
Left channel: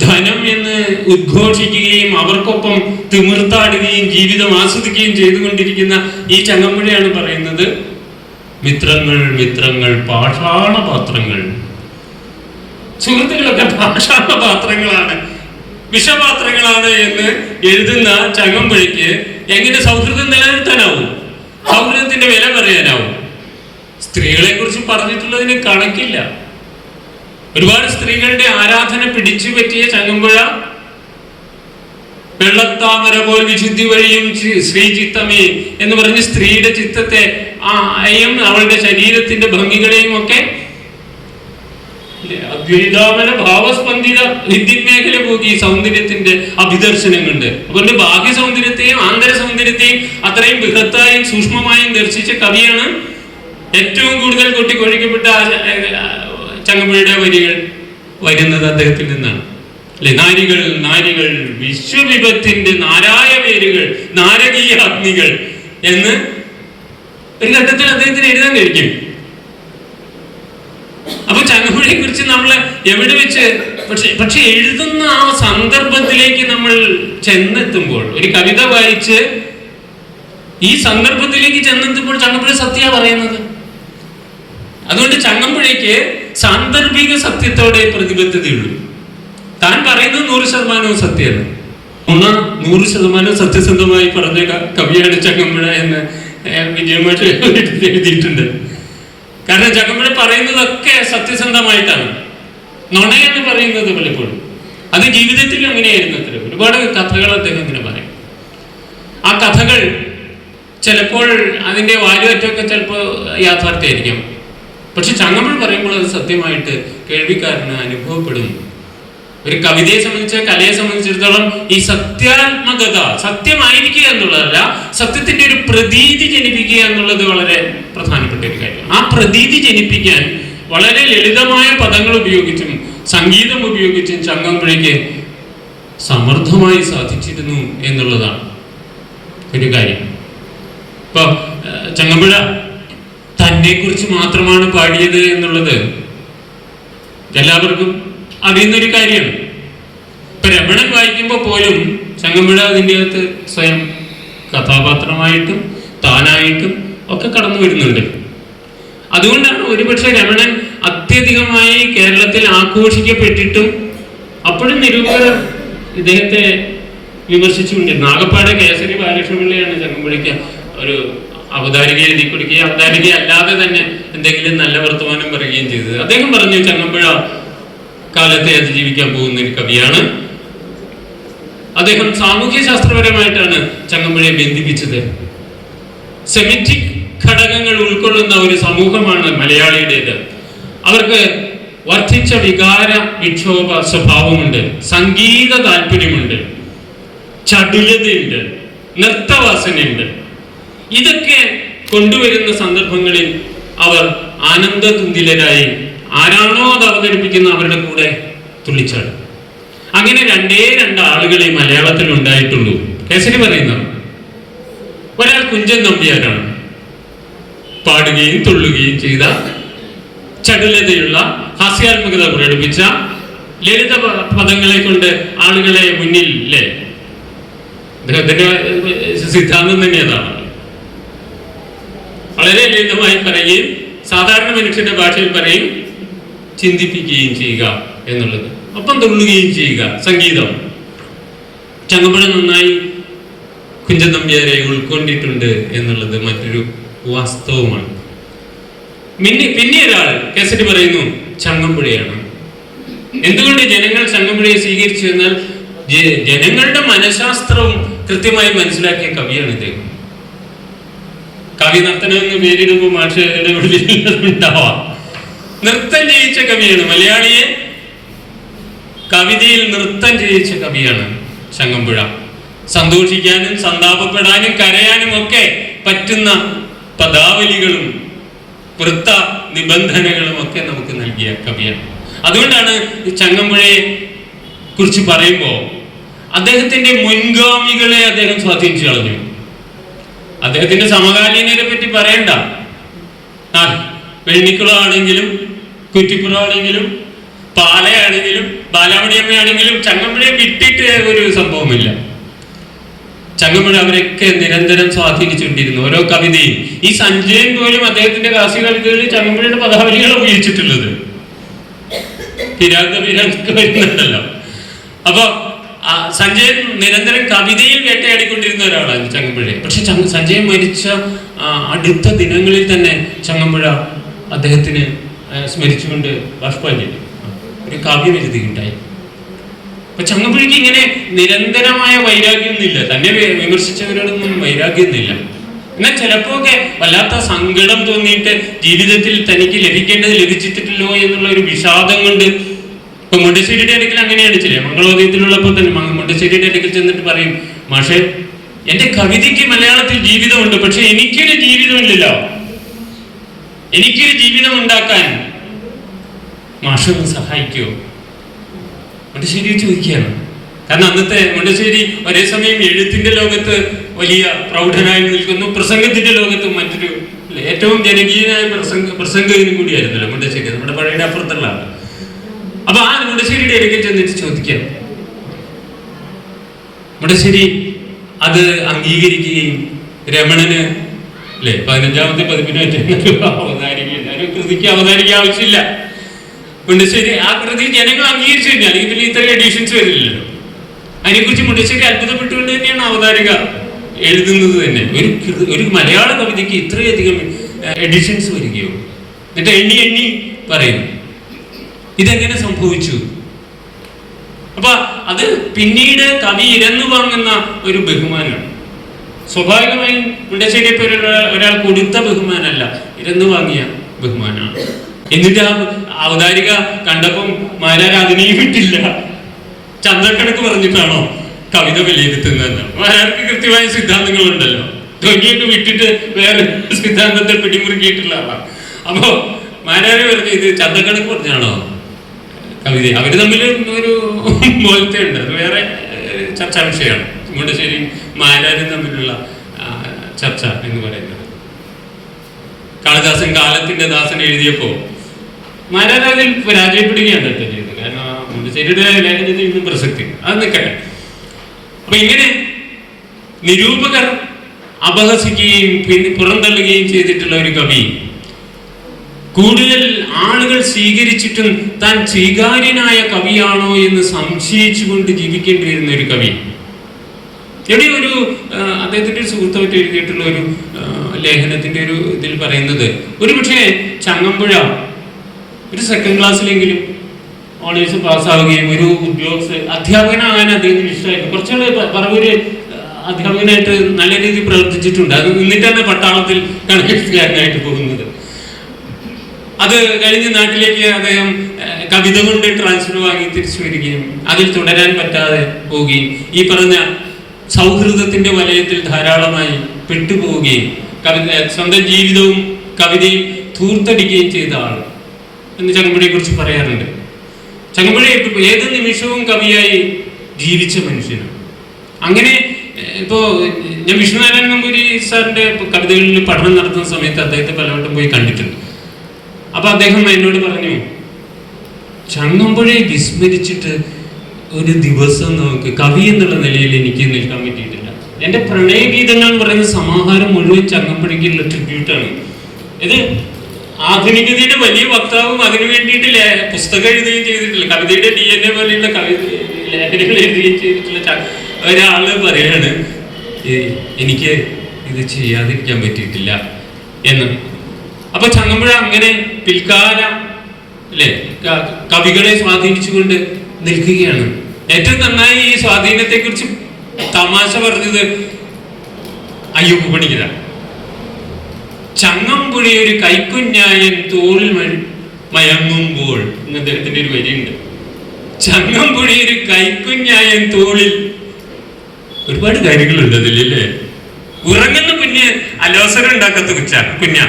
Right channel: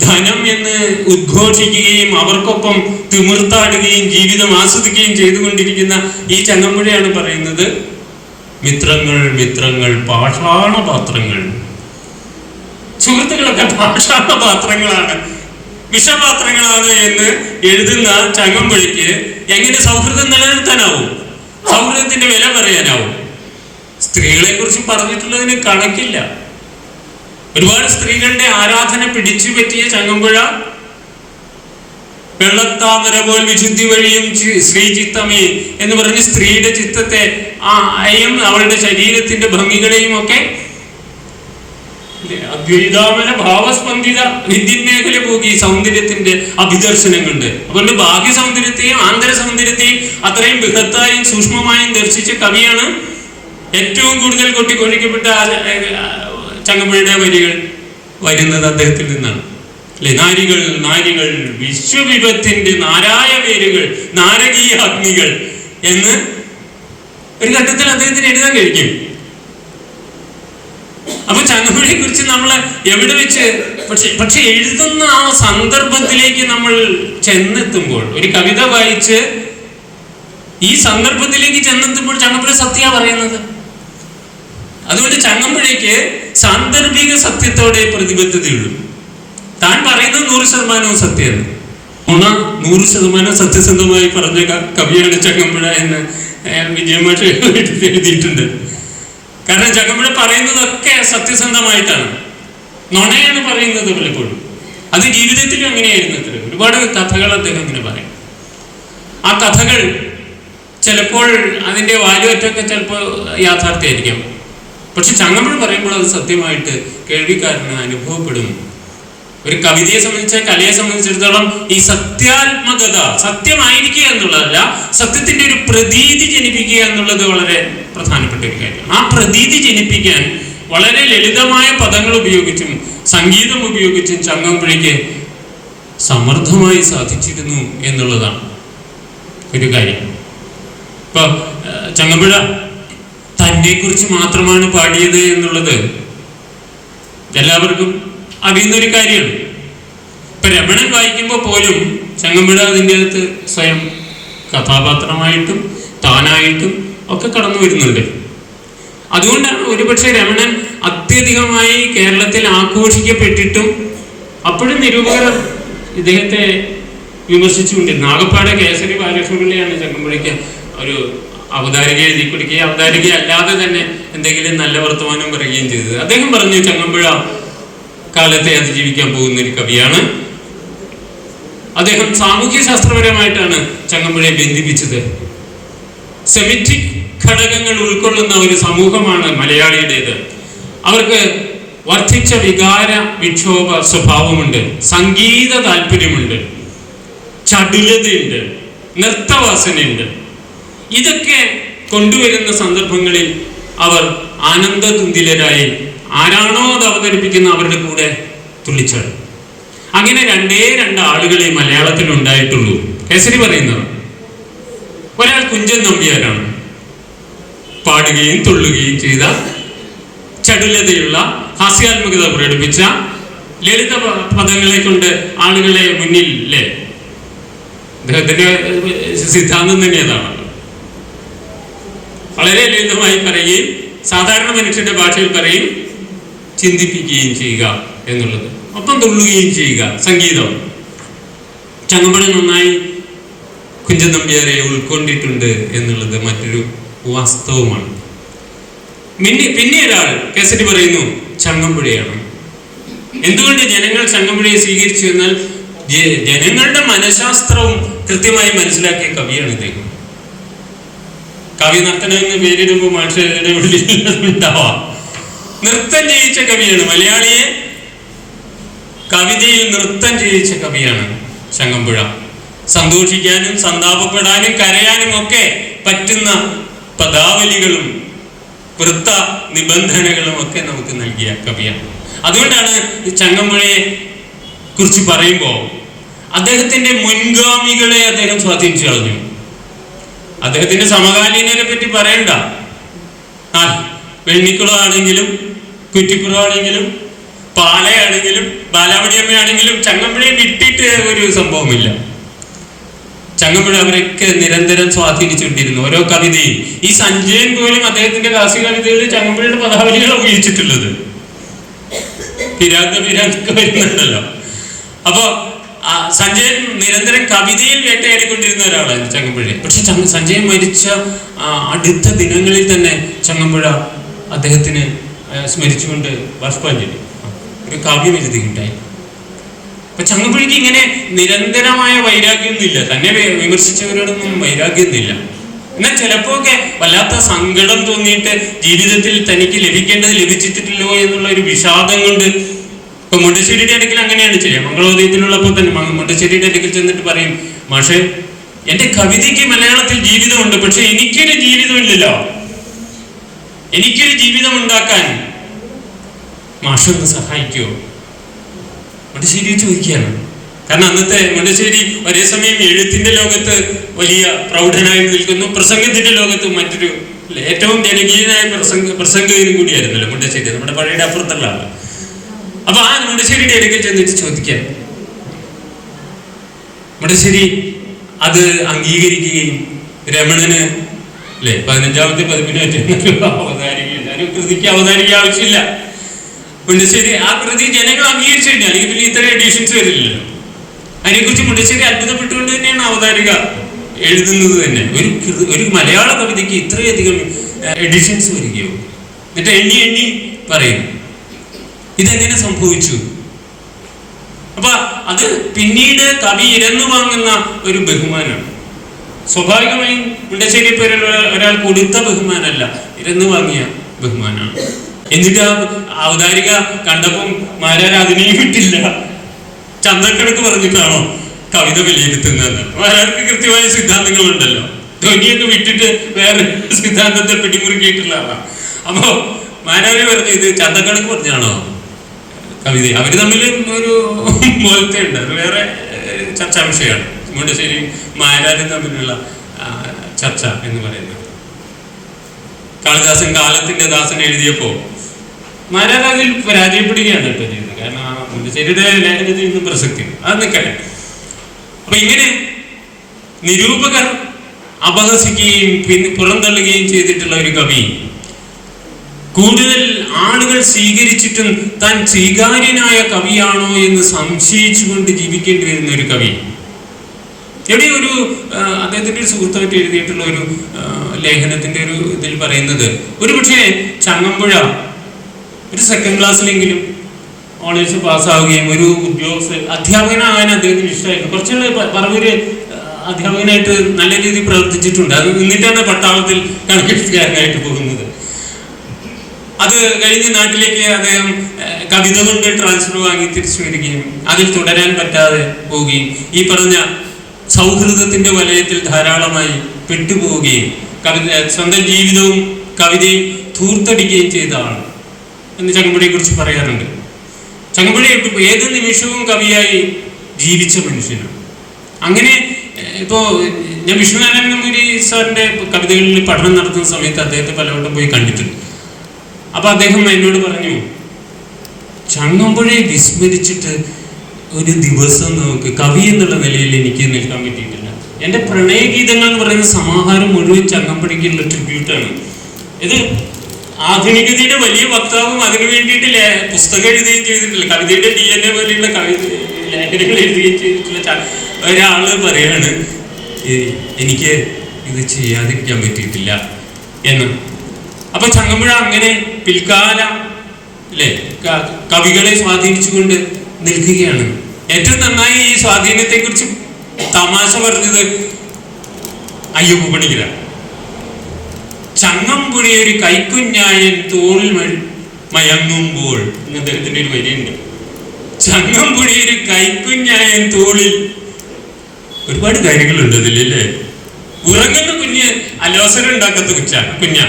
ധനം എന്ന് ഉദ്ഘോഷിക്കുകയും അവർക്കൊപ്പം തിമിർത്താടുകയും ജീവിതം ആസ്വദിക്കുകയും ചെയ്തുകൊണ്ടിരിക്കുന്ന ഈ ചങ്ങമ്പുഴയാണ് പറയുന്നത്, മിത്രങ്ങൾ മിത്രങ്ങൾ പാഷാണപാത്രങ്ങൾ. സുഹൃത്തുക്കളൊക്കെ പാഷാണപാത്രങ്ങളാണ്, വിഷപാത്രങ്ങളാണ് എന്ന് എഴുതുന്ന ചങ്ങമ്പുഴയ്ക്ക് എങ്ങനെ സൗഹൃദം നിലനിർത്താനാവും? സൗഹൃദത്തിന്റെ വില പറയാനാവും? സ്ത്രീകളെ കുറിച്ച് പറഞ്ഞിട്ടുള്ളതിന് കണക്കില്ല. ഒരുപാട് സ്ത്രീകളുടെ ആരാധന പിടിച്ചു പറ്റിയ ചങ്ങമ്പുഴ വെള്ളത്താമര പോൽ വിശുദ്ധി വഴിയും ശ്രീചിത്തമേ എന്ന് പറഞ്ഞ് സ്ത്രീയുടെ ചിത്തത്തെ അയും അവളുടെ ശരീരത്തിന്റെ ഭംഗികളെയും ഒക്കെ അദ്വൈതാമന ഭാവസ്പന്ദിത വിദ്യമേഖല പോകി സൗന്ദര്യത്തിന്റെ അഭിദർശനം കൊണ്ട്. അതുകൊണ്ട് ബാഹ്യ സൗന്ദര്യത്തെയും ആന്തര സൗന്ദര്യത്തെയും അത്രയും ബൃഹത്തായും സൂക്ഷ്മമായും ദർശിച്ച കവിയാണ് ഏറ്റവും കൂടുതൽ കൊട്ടിക്കൊഴിക്കപ്പെട്ട ചങ്ങമ്പുഴയുടെ വരികൾ വരുന്നത് അദ്ദേഹത്തിൽ നിന്നാണ്. അല്ലെ, നാരികൾ നാരികൾ വിശ്വവിപത്തിന്റെ നാരായ പേരുകൾ നാരകീയ അഗ്നികൾ എന്ന് ഒരു ഘട്ടത്തിൽ അദ്ദേഹത്തിന് എഴുതാൻ കഴിക്കും. അപ്പൊ ചങ്ങമ്പുഴയെ കുറിച്ച് നമ്മൾ എവിടെ വെച്ച് പക്ഷെ എഴുതുന്ന ആ സന്ദർഭത്തിലേക്ക് നമ്മൾ ചെന്നെത്തുമ്പോൾ, ഒരു കവിത വായിച്ച് ഈ സന്ദർഭത്തിലേക്ക് ചെന്നെത്തുമ്പോൾ ചങ്ങമ്പുഴ സത്യ പറയുന്നത്. അതുകൊണ്ട് ചങ്ങമ്പുഴയ്ക്ക് സാന്ദർഭിക സത്യത്തോടെ പ്രതിബദ്ധതയുള്ളൂ. താൻ പറയുന്നത് 100% സത്യമാണ്. 100% സത്യസന്ധമായി പറഞ്ഞ കവിയാണ് ചങ്ങമ്പുഴ എന്ന് വിജയമാഷ് എഴുതിയിട്ടുണ്ട്. കാരണം ചങ്ങമ്പുഴ പറയുന്നതൊക്കെ സത്യസന്ധമായിട്ടാണ്, നുണയാണ് പറയുന്നത് പലപ്പോഴും. അത് ജീവിതത്തിലും അങ്ങനെയായിരുന്നു. ഒരുപാട് കഥകൾ അദ്ദേഹം ഇങ്ങനെ പറയും. ആ കഥകൾ ചിലപ്പോൾ അതിൻ്റെ വാലുവറ്റൊക്കെ ചിലപ്പോൾ യാഥാർത്ഥ്യമായിരിക്കും. പക്ഷെ ചങ്ങമ്പുഴ പറയുമ്പോൾ അത് സത്യമായിട്ട് കേൾവിക്കാരന് അനുഭവപ്പെടും. ഒരു കവിതയെ സംബന്ധിച്ച്, കലയെ സംബന്ധിച്ചിടത്തോളം ഈ സത്യാത്മകത, സത്യമായിരിക്കുക എന്നുള്ളതല്ല, സത്യത്തിന്റെ ഒരു പ്രതീതി ജനിപ്പിക്കുക എന്നുള്ളത് വളരെ പ്രധാനപ്പെട്ട ഒരു കാര്യമാണ്. ആ പ്രതീതി ജനിപ്പിക്കാൻ വളരെ ലളിതമായ പദങ്ങൾ ഉപയോഗിച്ചും സംഗീതം ഉപയോഗിച്ചും ചങ്ങമ്പുഴയ്ക്ക് സമർത്ഥമായി സാധിച്ചിരുന്നു എന്നുള്ളതാണ് ഒരു കാര്യം. ഇപ്പൊ ചങ്ങമ്പുഴ തന്നെ കുറിച്ച് മാത്രമാണ് പാടിയത് എന്നുള്ളത് എല്ലാവർക്കും അറിയുന്നൊരു കാര്യമാണ്. ഇപ്പൊ രമണൻ വായിക്കുമ്പോൾ പോലും ചങ്ങമ്പുഴ അതിൻ്റെ അകത്ത് സ്വയം കഥാപാത്രമായിട്ടും താനായിട്ടും ഒക്കെ കടന്നു വരുന്നുണ്ട്. അതുകൊണ്ടാണ് ഒരുപക്ഷെ രമണൻ അത്യധികമായി കേരളത്തിൽ ആഘോഷിക്കപ്പെട്ടിട്ടും അപ്പോഴും നിരൂപകർ ഇദ്ദേഹത്തെ വിമർശിച്ചുകൊണ്ടിരുന്നു. ആകപ്പാടെ കേസരി ബാലകൃഷ്ണപിള്ളയാണ് ചങ്ങമ്പുഴയ്ക്ക് ഒരു അവതാരിക എഴുതി കൊടുക്കുകയും അവതാരിക അല്ലാതെ തന്നെ എന്തെങ്കിലും നല്ല വർത്തമാനം പറയുകയും ചെയ്തത്. അദ്ദേഹം പറഞ്ഞു, ചങ്ങമ്പുഴ കാലത്തെ അതിജീവിക്കാൻ പോകുന്ന ഒരു കവിയാണ്. അദ്ദേഹം സാമൂഹ്യ ശാസ്ത്രപരമായിട്ടാണ് ചങ്ങമ്പുഴയെ ബന്ധിപ്പിച്ചത്. സെമിറ്റിക് ഘടകങ്ങൾ ഉൾക്കൊള്ളുന്ന ഒരു സമൂഹമാണ് മലയാളിയുടേത്. അവർക്ക് വർദ്ധിച്ച വികാര വിക്ഷോഭ സ്വഭാവമുണ്ട്, സംഗീത താല്പര്യമുണ്ട്, ചടുലതയുണ്ട്, നൃത്തവാസനയുണ്ട്. ഇതൊക്കെ കൊണ്ടുവരുന്ന സന്ദർഭങ്ങളിൽ അവർ ആനന്ദതുന്തിലരായി ആരാണോ അത് അവതരിപ്പിക്കുന്ന അവരുടെ കൂടെ തുള്ളിച്ചാടും. അങ്ങനെ രണ്ട് ആളുകളെ മലയാളത്തിൽ ഉണ്ടായിട്ടുള്ളൂ. കേസരി പറയുന്നത് ഒരാൾ കുഞ്ചൻ നമ്പ്യാരാണ്, പാടുകയും തുള്ളുകയും ചെയ്ത, ചടുലതയുള്ള, ഹാസ്യാത്മകത പ്രകടിപ്പിച്ച, ലളിത പദങ്ങളെ കൊണ്ട് ആളുകളെ മുന്നിൽ അല്ലേ, അദ്ദേഹത്തിന്റെ സിദ്ധാന്തം തന്നെ അതാണ്. വളരെ ലളിതമായി പറയുകയും സാധാരണ മനുഷ്യന്റെ ഭാഷയിൽ പറയും, ചിന്തിപ്പിക്കുകയും ചെയ്യുക എന്നുള്ളത്, ഒപ്പം തുള്ളുകയും ചെയ്യുക. സംഗീതം ചങ്ങമ്പുഴ നന്നായി കുഞ്ചൻ നമ്പ്യാരെ ഉൾക്കൊണ്ടിട്ടുണ്ട് എന്നുള്ളത് മറ്റൊരു വാസ്തവമാണ്. പിന്നെ ഒരാൾ കേസരി പറയുന്നു ചങ്ങമ്പുഴയാണ്. എന്തുകൊണ്ട് ജനങ്ങൾ ചങ്ങമ്പുഴയെ സ്വീകരിച്ചു എന്നാൽ ജനങ്ങളുടെ മനഃശാസ്ത്രവും കൃത്യമായി മനസ്സിലാക്കിയ കവിയാണ് ഇദ്ദേഹം. കവി നർത്തനം എന്ന് പേരിടുമ്പോൾ ഉണ്ടാവാം. നൃത്തം ചെയ്യിച്ച കവിയാണ്, മലയാളിയെ കവിതയിൽ നൃത്തം ചെയ്യിച്ച കവിയാണ് ചങ്ങമ്പുഴ. സന്തോഷിക്കാനും സന്താപപ്പെടാനും കരയാനും ഒക്കെ പറ്റുന്ന പദാവലികളും വൃത്ത നിബന്ധനകളും ഒക്കെ നമുക്ക് നൽകിയ കവിയാണ്. അതുകൊണ്ടാണ് ചങ്ങമ്പുഴയെ കുറിച്ച് പറയുമ്പോൾ അദ്ദേഹത്തിന്റെ മുൻഗാമികളെ അദ്ദേഹം സ്വാധീനിച്ചു കളഞ്ഞു. അദ്ദേഹത്തിന്റെ സമകാലീനരെ പറ്റി പറയണ്ട. വെണ്ണിക്കുളം ആണെങ്കിലും കുറ്റിപ്പുറം ആണെങ്കിലും പാലയാണെങ്കിലും ബാലാമണിയമ്മയാണെങ്കിലും ചങ്ങമ്പുഴയെ വിട്ടിട്ട് ഒരു സംഭവമില്ല. ചങ്ങമ്പുഴ അവരൊക്കെ നിരന്തരം സ്വാധീനിച്ചുകൊണ്ടിരുന്നു. ഓരോ കവിതയും, ഈ സഞ്ജയൻ പോലും അദ്ദേഹത്തിന്റെ കാർഷിക കവിതകളിൽ ചങ്ങമ്പുഴയുടെ പദാവലികൾ ഉപയോഗിച്ചിട്ടുള്ളത് വരുന്നുണ്ടല്ലോ. അപ്പൊ സഞ്ജയൻ നിരന്തരം കവിതയിൽ വേട്ടയാടിക്കൊണ്ടിരുന്ന ഒരാളാണ് ചങ്ങമ്പുഴ. പക്ഷെ സഞ്ജയൻ മരിച്ച അടുത്ത ദിനങ്ങളിൽ തന്നെ ചങ്ങമ്പുഴ അദ്ദേഹത്തിന് സ്മരിച്ചുകൊണ്ട് ബാഷ്പാഞ്ജലി ഒരു കാവ്യം എഴുതിയിട്ടുണ്ടായി. അപ്പൊ ചങ്ങമ്പുഴയ്ക്ക് ഇങ്ങനെ നിരന്തരമായ വൈരാഗ്യമൊന്നുമില്ല, തന്നെ വിമർശിച്ചവരോടൊന്നും വൈരാഗ്യമൊന്നുമില്ല. എന്നാൽ ചിലപ്പോ ഒക്കെ വല്ലാത്ത സങ്കടം തോന്നിയിട്ട് ജീവിതത്തിൽ തനിക്ക് ലഭിക്കേണ്ടത് ലഭിച്ചിട്ടില്ലോ എന്നുള്ള ഒരു വിഷാദം കൊണ്ട്. ഇപ്പൊ മുണ്ടശ്ശേരിയുടെ അടുക്കൽ അങ്ങനെയാണ് ചെയ്യുക. മംഗളോദയത്തിലുള്ളപ്പോൾ തന്നെ മുണ്ടശ്ശേരിയുടെ അടുക്കൽ ചെന്നിട്ട് പറയും, മാഷെ എന്റെ കവിതയ്ക്ക് മലയാളത്തിൽ ജീവിതമുണ്ട്, പക്ഷെ എനിക്കൊരു ജീവിതമില്ലല്ലോ, എനിക്കൊരു ജീവിതം ഉണ്ടാക്കാൻ മാഷൊന്ന് സഹായിക്കുമോ? മുണ്ടശ്ശേരി ചോദിക്കുകയാണ്. കാരണം അന്നത്തെ മുണ്ടശ്ശേരി ഒരേ സമയം എഴുത്തിന്റെ ലോകത്ത് വലിയ പ്രൗഢനായി നിൽക്കുന്നു, പ്രസംഗത്തിന്റെ ലോകത്ത് മറ്റൊരു ഏറ്റവും ജനകീയനായ പ്രസംഗകനും കൂടിയായിരുന്നല്ലോ മുണ്ടശ്ശേരി, നമ്മുടെ പഴയുടെ അപ്പുറത്തുള്ള ആള്. അപ്പൊ ആ മുണ്ടശ്ശേരിയുടെ ഇടയ്ക്ക് ചെന്നിട്ട് ചോദിക്കാം. മുണ്ടശ്ശേരി അത് അംഗീകരിക്കുകയും രമണന് 15ാമത്തെ പതിപ്പിന് അവതാരികയില്ല, ഒരു കൃതിക്ക് അവതാരിക ആവശ്യമില്ല. മുണ്ടശ്ശേരി ആ കൃതി ജനങ്ങൾ അംഗീകരിച്ചു കഴിഞ്ഞാൽ അല്ലെങ്കിൽ പിന്നെ ഇത്തരം എഡിഷൻസ് വരില്ലല്ലോ. അതിനെക്കുറിച്ച് മുണ്ടശ്ശേരി അത്ഭുതപ്പെട്ടുകൊണ്ട് തന്നെയാണ് അവതാരിക എഴുതുന്നത് തന്നെ. ഒരു മലയാള കവിതയ്ക്ക് ഇത്രയധികം എഡിഷൻസ് വരികയോ? എന്നിട്ട് എണ്ണി എണ്ണി പറയും ഇതെങ്ങനെ സംഭവിച്ചു. അപ്പൊ അത് പിന്നീട് കവി ഇരന്നു വാങ്ങുന്ന ഒരു ബഹുമാനമാണ്. സ്വാഭാവികമായും മുണ്ടശ്ശേരിയെ പോലുള്ള ഒരാൾ കൊടുത്ത ബഹുമാനമല്ല, ഇരന്നു വാങ്ങിയ ബഹുമാനമാണ്. എന്നിട്ട് ആ അവതാരിക കണ്ടപ്പം മാരാർ അതിനെയും വിട്ടില്ല, ചന്തക്കണക്ക് പറഞ്ഞിട്ടാണോ കവിത വിലയിരുത്തുന്നതെന്ന്. മാരാർക്ക് കൃത്യമായ സിദ്ധാന്തങ്ങളുണ്ടല്ലോ, ധ്വനിയൊക്കെ വിട്ടിട്ട് വേറെ സിദ്ധാന്തത്തെ പിടിമുറുക്കിയിട്ടുള്ള ആളാണ്. അപ്പോ മാരാര് പറഞ്ഞു ഇത് ചന്തക്കണക്ക് പറഞ്ഞാണോ കവിത. അവര് തമ്മിൽ ഒരു മോലത്തെ ഉണ്ട്, അത് വേറെ ചർച്ചാ വിഷയമാണ്. മുണ്ടശ്ശേരിയും മാരാരും തമ്മിലുള്ള ചർച്ച എന്ന് പറയുന്നത്. കാളിദാസൻ കാലത്തിന്റെ ദാസൻ എഴുതിയപ്പോ മാരാർ അതിൽ പരാജയപ്പെടുകയാണ് കേട്ടോ ചെയ്തത്. കാരണം മുണ്ടശ്ശേരിയുടെ ലേഖനത്തിൽ ഇന്നും പ്രസക്തി അത് നിൽക്കട്ടെ. അപ്പൊ ഇങ്ങനെ നിരൂപകർ അപഹസിക്കുകയും പിന്നെ പുറന്തള്ളുകയും ചെയ്തിട്ടുള്ള ഒരു കവി കൂടുതൽ ആളുകൾ സ്വീകരിച്ചിട്ടും താൻ സ്വീകാര്യനായ കവിയാണോ എന്ന് സംശയിച്ചുകൊണ്ട് ജീവിക്കേണ്ടി വരുന്ന ഒരു കവി. എവിടെ ഒരു അദ്ദേഹത്തിന്റെ ഒരു സുഹൃത്തായിട്ട് എഴുതിയിട്ടുള്ള ഒരു ലേഖനത്തിന്റെ ഒരു ഇതിൽ പറയുന്നത്, ഒരു പക്ഷേ ചങ്ങമ്പുഴ ഒരു സെക്കൻഡ് ക്ലാസ്സിലെങ്കിലും ഓണേഴ്സ് പാസ്സാവുകയും ഒരു അധ്യാപകനാകാൻ അദ്ദേഹത്തിന് ഇഷ്ടമായിരുന്നു. കുറച്ചുകൂടെ പറവൂര് അധ്യാപകനായിട്ട് നല്ല രീതിയിൽ പ്രവർത്തിച്ചിട്ടുണ്ട്. അത് നിന്നിട്ടാണ് പട്ടാളത്തിൽ കണക്കെഴുത്തുകാരനായിട്ട് പോകുന്നത്. അത് കഴിഞ്ഞ് നാട്ടിലേക്ക് അദ്ദേഹം കവിത കൊണ്ട് ട്രാൻസ്ഫർ വാങ്ങി തിരിച്ചു വരികയും അതിൽ തുടരാൻ പറ്റാതെ പോവുകയും ഈ പറഞ്ഞ സൗഹൃദത്തിന്റെ വലയത്തിൽ ധാരാളമായി പെട്ടുപോവുകയും സ്വന്തം ജീവിതവും കവിതയും ധൂർത്തടിക്കുകയും ചെയ്ത ആൾ എന്ന് ചങ്ങമ്പുഴയെ കുറിച്ച് പറയാറുണ്ട്. ചങ്ങമ്പുഴ ഏത് നിമിഷവും കവിയായി ജീവിച്ച മനുഷ്യനാണ്. അങ്ങനെ ഇപ്പോ ഞാൻ വിഷ്ണുനാരായണൻ നമ്പൂരി സാറിന്റെ കവിതകളിൽ പഠനം നടത്തുന്ന സമയത്ത് അദ്ദേഹത്തെ പലവട്ടം പോയി കണ്ടിട്ടുണ്ട്. അപ്പൊ അദ്ദേഹം എന്നോട് പറഞ്ഞു, ചങ്ങമ്പുഴയെ വിസ്മരിച്ചിട്ട് ഒരു ദിവസം നമുക്ക് കവി എന്നുള്ള നിലയിൽ എനിക്ക് നിൽക്കാൻ പറ്റിയിട്ടില്ല. എൻ്റെ പ്രണയഗീതങ്ങൾ എന്ന് പറയുന്ന സമാഹാരം മുഴുവൻ ചങ്ങമ്പുഴയ്ക്കുള്ള ട്രിബ്യൂട്ടാണ്. ഇത് ആധുനികതയുടെ വലിയ വക്താവും അതിനു വേണ്ടിയിട്ട് പുസ്തകം എഴുതുകയും ചെയ്തിട്ടില്ല, കവിതയുടെ DNA പോലെയുള്ള ലേഖനങ്ങൾ എഴുതുകയും ചെയ്തിട്ടുള്ള ഒരാള് പറയാണ് എനിക്ക് ഇത് ചെയ്യാതിരിക്കാൻ പറ്റിയിട്ടില്ല എന്ന്. അപ്പൊ ചങ്ങമ്പുഴ അങ്ങനെ പിൽക്കാല കവികളെ സ്വാധീനിച്ചുകൊണ്ട് നിൽക്കുകയാണ്. ഏറ്റവും നന്നായി ഈ സ്വാധീനത്തെ കുറിച്ച് തമാശ പറഞ്ഞത് അയ്യപ്പ പണിക്കരാണ്. ചങ്ങമ്പുഴ ഒരു കൈക്കുഞ്ഞായൻ തോളിൽ മയങ്ങുമ്പോൾ അദ്ദേഹത്തിന്റെ ഒരു വരിയുണ്ട്. ചങ്ങമ്പുഴ ഒരു കൈക്കുഞ്ഞായൻ തോളിൽ, ഒരുപാട് കാര്യങ്ങളുണ്ട് അതിലല്ലേ. ഉറങ്ങുന്ന കുഞ്ഞ് അലോസരം ഉണ്ടാക്കാത്ത കുഞ്ഞാ.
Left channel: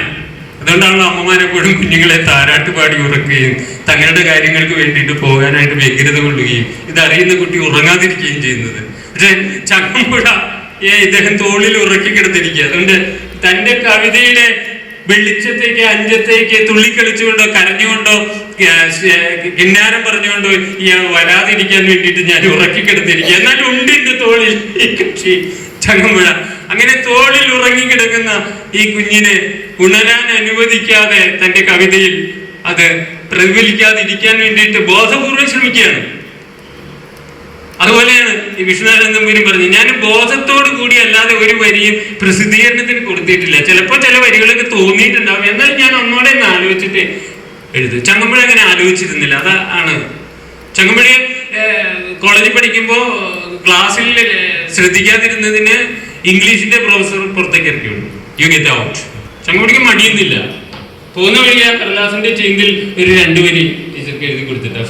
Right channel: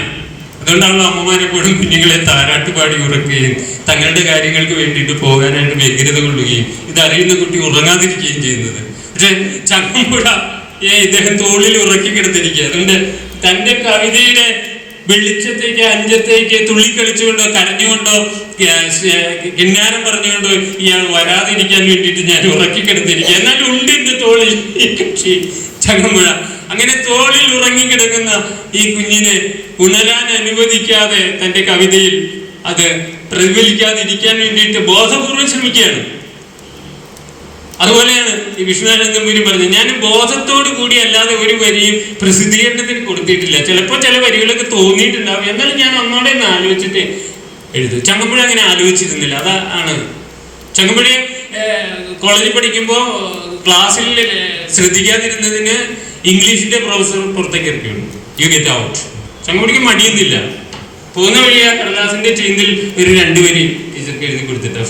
അതുകൊണ്ടാണല്ലോ അമ്മമാരെപ്പോഴും കുഞ്ഞുങ്ങളെ താരാട്ടുപാടി ഉറക്കുകയും തങ്ങളുടെ കാര്യങ്ങൾക്ക് വേണ്ടിയിട്ട് പോകാനായിട്ട് വ്യഗ്രത കൊള്ളുകയും ഇതറിയുന്ന കുട്ടി ഉറങ്ങാതിരിക്കുകയും ചെയ്യുന്നത്. പക്ഷെ ചങ്ങമ്പുഴ ഇദ്ദേഹം തോളിൽ ഉറക്കി കിടത്തിരിക്കുക. അതുകൊണ്ട് തൻ്റെ കവിതയുടെ വെളിച്ചത്തേക്ക് അഞ്ചത്തേക്ക് തുള്ളിക്കളിച്ചുകൊണ്ടോ കരഞ്ഞുകൊണ്ടോ കിന്നാരം പറഞ്ഞുകൊണ്ടോ ഇയാൾ വരാതിരിക്കാൻ വേണ്ടിയിട്ട് ഞാൻ ഉറക്കിക്കിടന്നിരിക്കുക. എന്നാലും ഉണ്ട് എന്റെ തോളിൽ ഈ കക്ഷി ചങ്ങമ്പുഴ. അങ്ങനെ തോളിൽ ഉറങ്ങിക്കിടക്കുന്ന ഈ കുഞ്ഞിനെ ഉണരാൻ അനുവദിക്കാതെ തന്റെ കവിതയിൽ അത് പ്രതിഫലിക്കാതിരിക്കാൻ വേണ്ടിയിട്ട് ബോധപൂർവം ശ്രമിക്കുകയാണ്. അതുപോലെയാണ് ഈ വിഷ്ണുനാഥൻ നമ്പൂരി പറഞ്ഞു, ഞാൻ ബോധത്തോടു കൂടി അല്ലാതെ ഒരു വരിയും പ്രസിദ്ധീകരണത്തിന് കൊടുത്തിട്ടില്ല. ചിലപ്പോൾ ചില വരികളൊക്കെ തോന്നിയിട്ടുണ്ടാവും, എന്നാലും ഞാൻ ഒന്നോടെ ഒന്ന് ആലോചിച്ചിട്ട് എഴുതും. ചങ്ങമ്പുഴ അങ്ങനെ ആലോചിച്ചിരുന്നില്ല. അതാണ് ചങ്ങമ്പുഴയെ കോളേജിൽ പഠിക്കുമ്പോൾ ക്ലാസ്സിൽ ശ്രദ്ധിക്കാതിരുന്നതിന് ഇംഗ്ലീഷിന്റെ പ്രൊഫസർ പുറത്തേക്ക് ഇറക്കി വിടും. You get out. ചങ്ങമ്പുഴയ്ക്ക് മടിയൊന്നുമില്ല. പോകുന്ന വഴി ആ കടലാസിന്റെ ചെന്തിൽ ഒരു 2 വരി ടീച്ചർക്ക് എഴുതി കൊടുത്തിട്ടാ.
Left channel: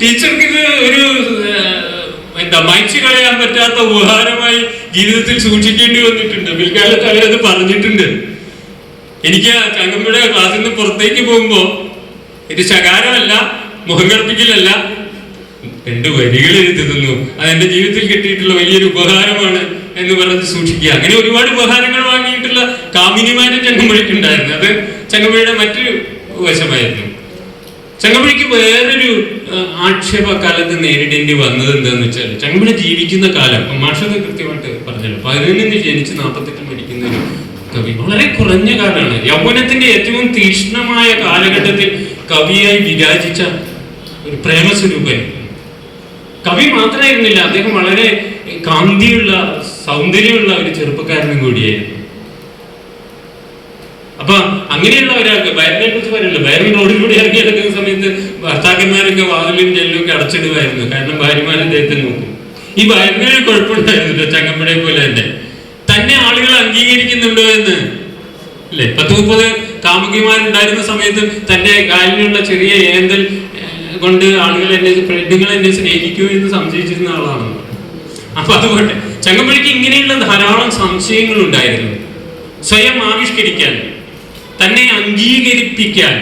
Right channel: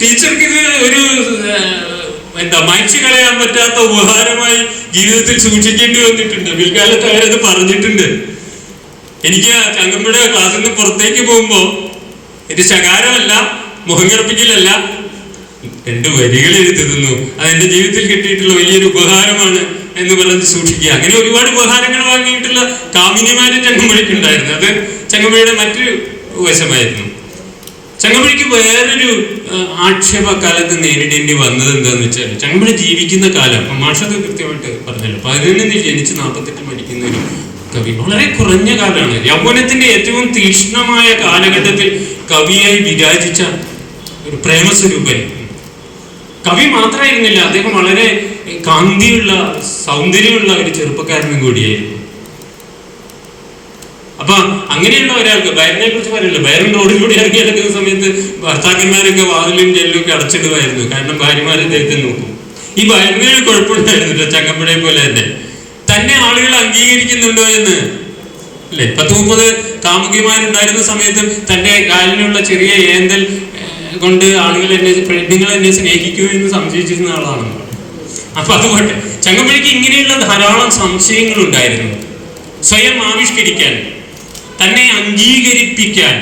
ടീച്ചർക്ക് ഇത് ഒരു മായ്ച്ചു കളയാൻ പറ്റാത്ത ഉപഹാരമായി ജീവിതത്തിൽ സൂക്ഷിക്കേണ്ടി വന്നിട്ടുണ്ട്. പിൽക്കാലത്ത് അവരത് പറഞ്ഞിട്ടുണ്ട്. എനിക്ക് ചങ്ങമ്പുഴ ക്ലാസ്സിൽ നിന്ന് പുറത്തേക്ക് പോകുമ്പോ ഇത് ശകാരമല്ല, മുഖം കറുപ്പിക്കലല്ല, 2 വരികൾ എഴുതുന്നു. അതെന്റെ ജീവിതത്തിൽ കിട്ടിയിട്ടുള്ള വലിയൊരു ഉപഹാരമാണ് എന്ന് പറഞ്ഞ് സൂക്ഷിക്കുക. അങ്ങനെ ഒരുപാട് ഉപഹാരങ്ങൾ വാങ്ങിയിട്ടുള്ള കാമിനിമാരും ചങ്ങമ്പുഴയ്ക്കുണ്ടായിരുന്നു. അത് ചങ്ങമ്പുഴയുടെ മറ്റൊരു വശമായിരുന്നു. ചങ്ങമ്പുഴയ്ക്ക് വേറൊരു ആക്ഷേപകാലത്ത് നേരിടേണ്ടി വന്നത് എന്താന്ന് വെച്ചാൽ, ചങ്ങമ്പുഴ ജീവിക്കുന്ന കാലം മാഷത് കൃത്യമായിട്ട് പറഞ്ഞല്ലോ, 11 ജനിച്ച് 48 മരിക്കുന്ന ഒരു കവി. വളരെ കുറഞ്ഞ കാലമാണ്. യൗവനത്തിന്റെ ഏറ്റവും തീക്ഷ്ണമായ കാലഘട്ടത്തിൽ കവിയായി വിരാജിച്ച ഒരു പ്രേമസ്വരൂപൻ. കവി മാത്രമായിരുന്നില്ല, അദ്ദേഹം വളരെ കാന്തിയുള്ള സൗന്ദര്യമുള്ള ഒരു ചെറുപ്പക്കാരനും കൂടിയായിരുന്നു. അപ്പൊ അങ്ങനെയുള്ള ഒരാൾക്ക് ബൈരനെ കുറിച്ച് പറയല്ലോ, ബൈരൻ റോഡിൽ കൂടി ഇറങ്ങി നടക്കുന്ന സമയത്ത് ഭർത്താക്കന്മാരൊക്കെ വാതിലും ജെല്ലും ഒക്കെ അടച്ചിടുമായിരുന്നു. കാരണം ഭാര്യമാരെ അദ്ദേഹത്തെ നോക്കും. ഈ ബൈരനൊരു കുഴപ്പമുണ്ടായിരുന്നില്ല, ചങ്ങമ്പുഴയെ പോലെ തന്നെ ആളുകൾ അംഗീകരിക്കുന്നുണ്ടോ എന്ന് അല്ലെ. 10-30 കാമുകിമാരുണ്ടായിരുന്ന സമയത്തും തന്റെ കാലിനുള്ള ചെറിയ ഏന്തൽ കൊണ്ട് ആളുകൾ നിങ്ങൾ എന്നെ സ്നേഹിക്കുമോ എന്ന് സംശയിച്ചിരുന്ന ആളാണ്. അപ്പൊ അതുകൊണ്ട് ചങ്ങമ്പുഴയ്ക്ക് ഇങ്ങനെയുള്ള ധാരാളം സംശയങ്ങൾ ഉണ്ടായിരുന്നു. സ്വയം ആവിഷ്കരിക്കാൻ, തന്നെ അംഗീകരിപ്പിക്കാൻ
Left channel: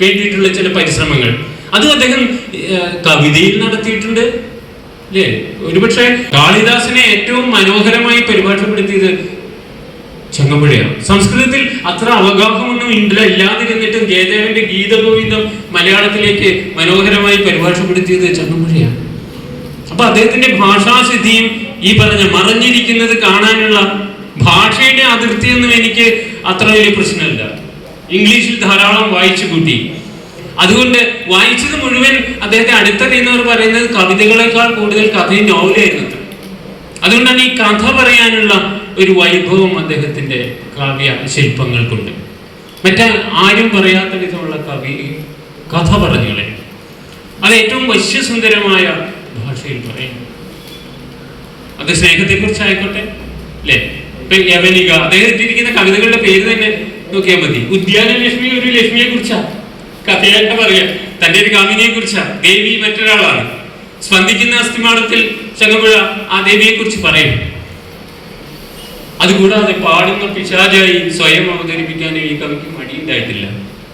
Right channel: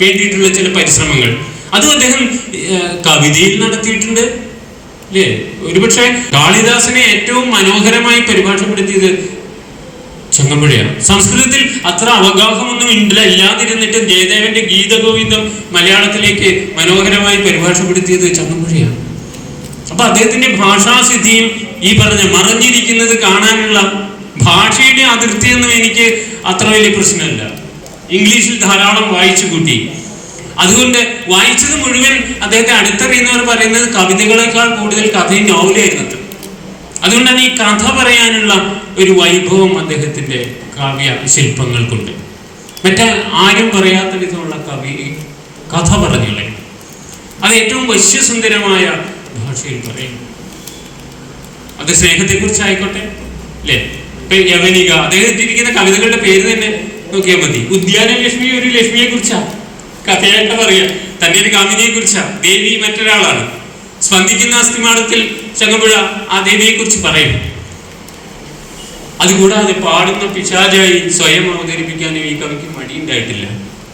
വേണ്ടിയിട്ടുള്ള ചില പരിശ്രമങ്ങൾ അതും അദ്ദേഹം കവിതയിൽ നടത്തിയിട്ടുണ്ട്. അല്ലേ? ഒരുപക്ഷെ കാളിദാസനെ ഏറ്റവും മനോഹരമായി പരിഭാഷപ്പെടുത്തിയത് ചങ്ങമ്പുഴയാണ്. സംസ്കൃതത്തിൽ അത്ര അവഗാഹമൊന്നും ഇല്ലാതിരുന്നിട്ട് ജയദേവന്റെ ഗീതഗോവിന്ദം മലയാളത്തിലേക്ക് മനോഹരമായി പരിഭാഷപ്പെടുത്തിയത് ചങ്ങമ്പുഴയാണ്. അപ്പൊ അദ്ദേഹത്തിന്റെ ഭാഷാസിദ്ധിയും ഈ പറഞ്ഞ മറഞ്ഞിരിക്കുന്നത് കാണാനുള്ള ഭാഷയുടെ അതിർത്തിയൊന്നും എനിക്ക് അത്ര വലിയ പ്രശ്നമില്ല. ഇംഗ്ലീഷിൽ ധാരാളം വായിച്ചു കൂട്ടി. അതുകൊണ്ട് വായിച്ചത് മുഴുവൻ അദ്ദേഹത്തെ അടുത്തറിയുന്നവർ പറയുന്നത് കവിതകളെക്കാൾ കൂടുതൽ കഥയും നോവലായിരുന്നു. അതുകൊണ്ടാണ് ഈ കഥ പറയാനുള്ള ഒരു വൈഭവം അദ്ദേഹത്തിന്റെ കാവ്യ ശില്പങ്ങൾക്കുണ്ട്. മറ്റേ ആരും പറയാത്ത വിധമുള്ള കഥ പറഞ്ഞുകളെ അത് ഏറ്റവും വശ്യസുന്ദരമായ ഭാഷയിൽ പറയും. അത് സ്നേഹത്തെക്കുറിച്ചായിക്കോട്ടെ, അല്ലേ? ഇപ്പൊ യവനിക, അദ്ദേഹം ഇട്ടിരിക്കുന്ന കവിതകളുടെ പേര് തന്നെ നോക്കിയാൽ മതി. ഉദ്യാന ലക്ഷ്മി ഒരു ലക്ഷ്മിയെ കുറിച്ചാ കഥയായിട്ട് പറയാം. തന്റെ ഒരു കാമിനിയെ കുറിച്ചാ. ദേവി മറ്റൊരാളാണ്. സ്പന്ദിക്കുന്ന അസ്ഥിമാടത്തിൽ ചങ്ങമ്പുഴ ആ ദേവിയെ കുറിച്ച് പറയും. അതുകൂടാതെ പാടുന്ന പിശാചായി സ്വയം അവതരിപ്പിക്കാനും ഈ കവിക്ക് മടിയുണ്ടായിട്ടില്ല.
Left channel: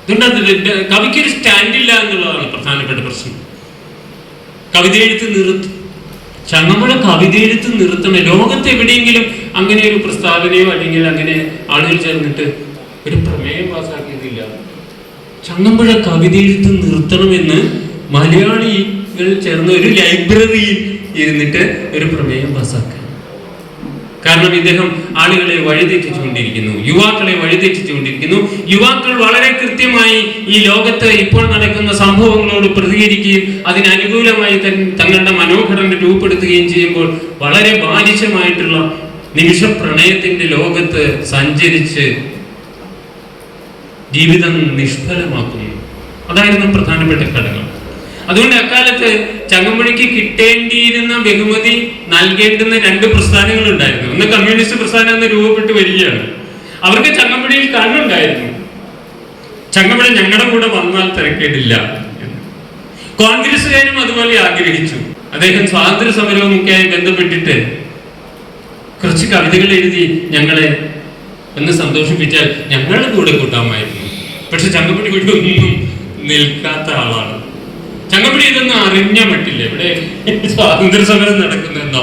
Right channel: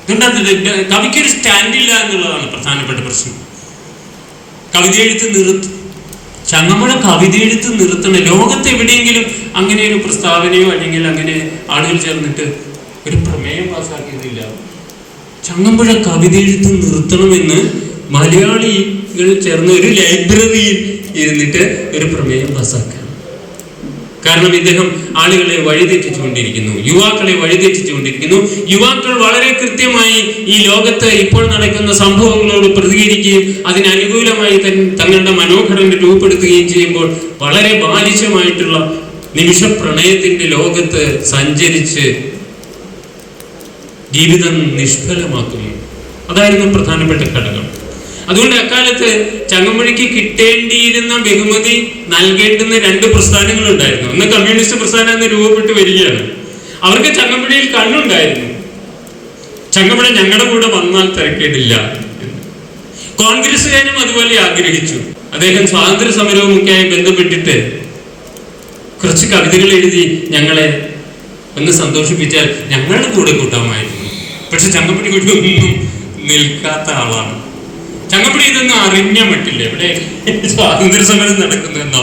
അതുകൊണ്ട് കവിക്കൊരു സ്റ്റാൻഡില്ല എന്നുള്ളതാണ് പ്രധാനപ്പെട്ട പ്രശ്നം. കവിത എഴുത്ത് നിർത്തും. ചങ്ങമ്പുഴ കവിത എഴുത്ത് നിർത്തണം. ലോകത്ത് എവിടെയെങ്കിലും അങ്ങനെ ഒരു പ്രസ്താവനയോ അല്ലെങ്കിൽ അങ്ങനെ ആളുകൾ ചേർന്നിട്ട് ഒരു പ്രമേയം പാസ്സാക്കിയതില്ല. ചങ്ങമ്പുഴ കവിത എഴുത്ത് നിർത്തണമെന്ന് മലയാളികൾ ചേർന്ന് ഒരു ലൈബ്രറിയിൽ ഇരുന്നിട്ട് ഒരു പ്രമേയം പാസ്സാക്കുക. കാരണം ഇദ്ദേഹം ആളുകളെ വഴിതെറ്റിച്ചുകൊണ്ടിരിക്കുന്നു, യുവാക്കളെ വഴിതെറ്റിച്ചുകൊണ്ടിരിക്കുന്നു. യുവാക്കൾ വളരെ കൃത്യമായി ഈ ലോകത്ത് ഇപ്പോൾ നടക്കുന്ന സംഭവങ്ങളോട് പ്രതികരിക്കുകയും അതിനനുകൂലമായി തങ്ങളുടെ മനോഘടന രൂപപ്പെടുത്തുകയും ചെയ്യുമ്പോൾ വളരെ ബാലിശമായിട്ടുള്ള നിമിഷ പ്രണയത്തിന്റെ ലോകത്ത് സഞ്ചരിച്ച് ജീവിതം നിഷ്ഫലമാക്കുന്നു. അതായിരുന്നു പ്രധാനപ്പെട്ട ഘടകം. അതുകൊണ്ട് അക്കാലത്ത് ചങ്ങമ്പുഴയ്ക്ക് കിട്ടേണ്ടിയിരുന്ന ബഹുമതി നൽകേണ്ടുന്ന 2 പ്രസ്ഥാനങ്ങൾ ഉണ്ടായിരുന്നു. ഒന്ന് കമ്മ്യൂണിസ്റ്റ് പ്രസ്ഥാനം എന്ന് രൂപപ്പെട്ട് വരികയാണ്. അവർക്ക് ചങ്ങമ്പുഴയിൽ കണ്ണുണ്ടായിരുന്നു. ചങ്ങമ്പുഴ ഞങ്ങളുടെ കൂടെ വന്നാൽ തിരക്കേടില്ല. കോൺഗ്രസ്സുകാരും അതുപോലെ ആഗ്രഹിച്ചു. അദ്ദേഹം സ്വാതന്ത്ര്യ സമരവുമൊക്കെയായി ബന്ധപ്പെട്ടിട്ട് കുറച്ച് കവിതകൾ എഴുതി ഞങ്ങളെ ഒന്ന് സന്തോഷിപ്പിച്ചാൽ ഞങ്ങളുടെ കൂടെ കൂട്ടാമായിരുന്നു. പക്ഷെ ചങ്ങമ്പുഴ കൂടി ഒന്നും നിൽക്കാത്ത ആളാണ്. ചങ്ങമ്പുഴ ഇതൊന്നും അറിഞ്ഞ മട്ടില്ല. ഇവിടെ സ്വാതന്ത്ര്യ സമരം നടക്കുന്നെന്നോ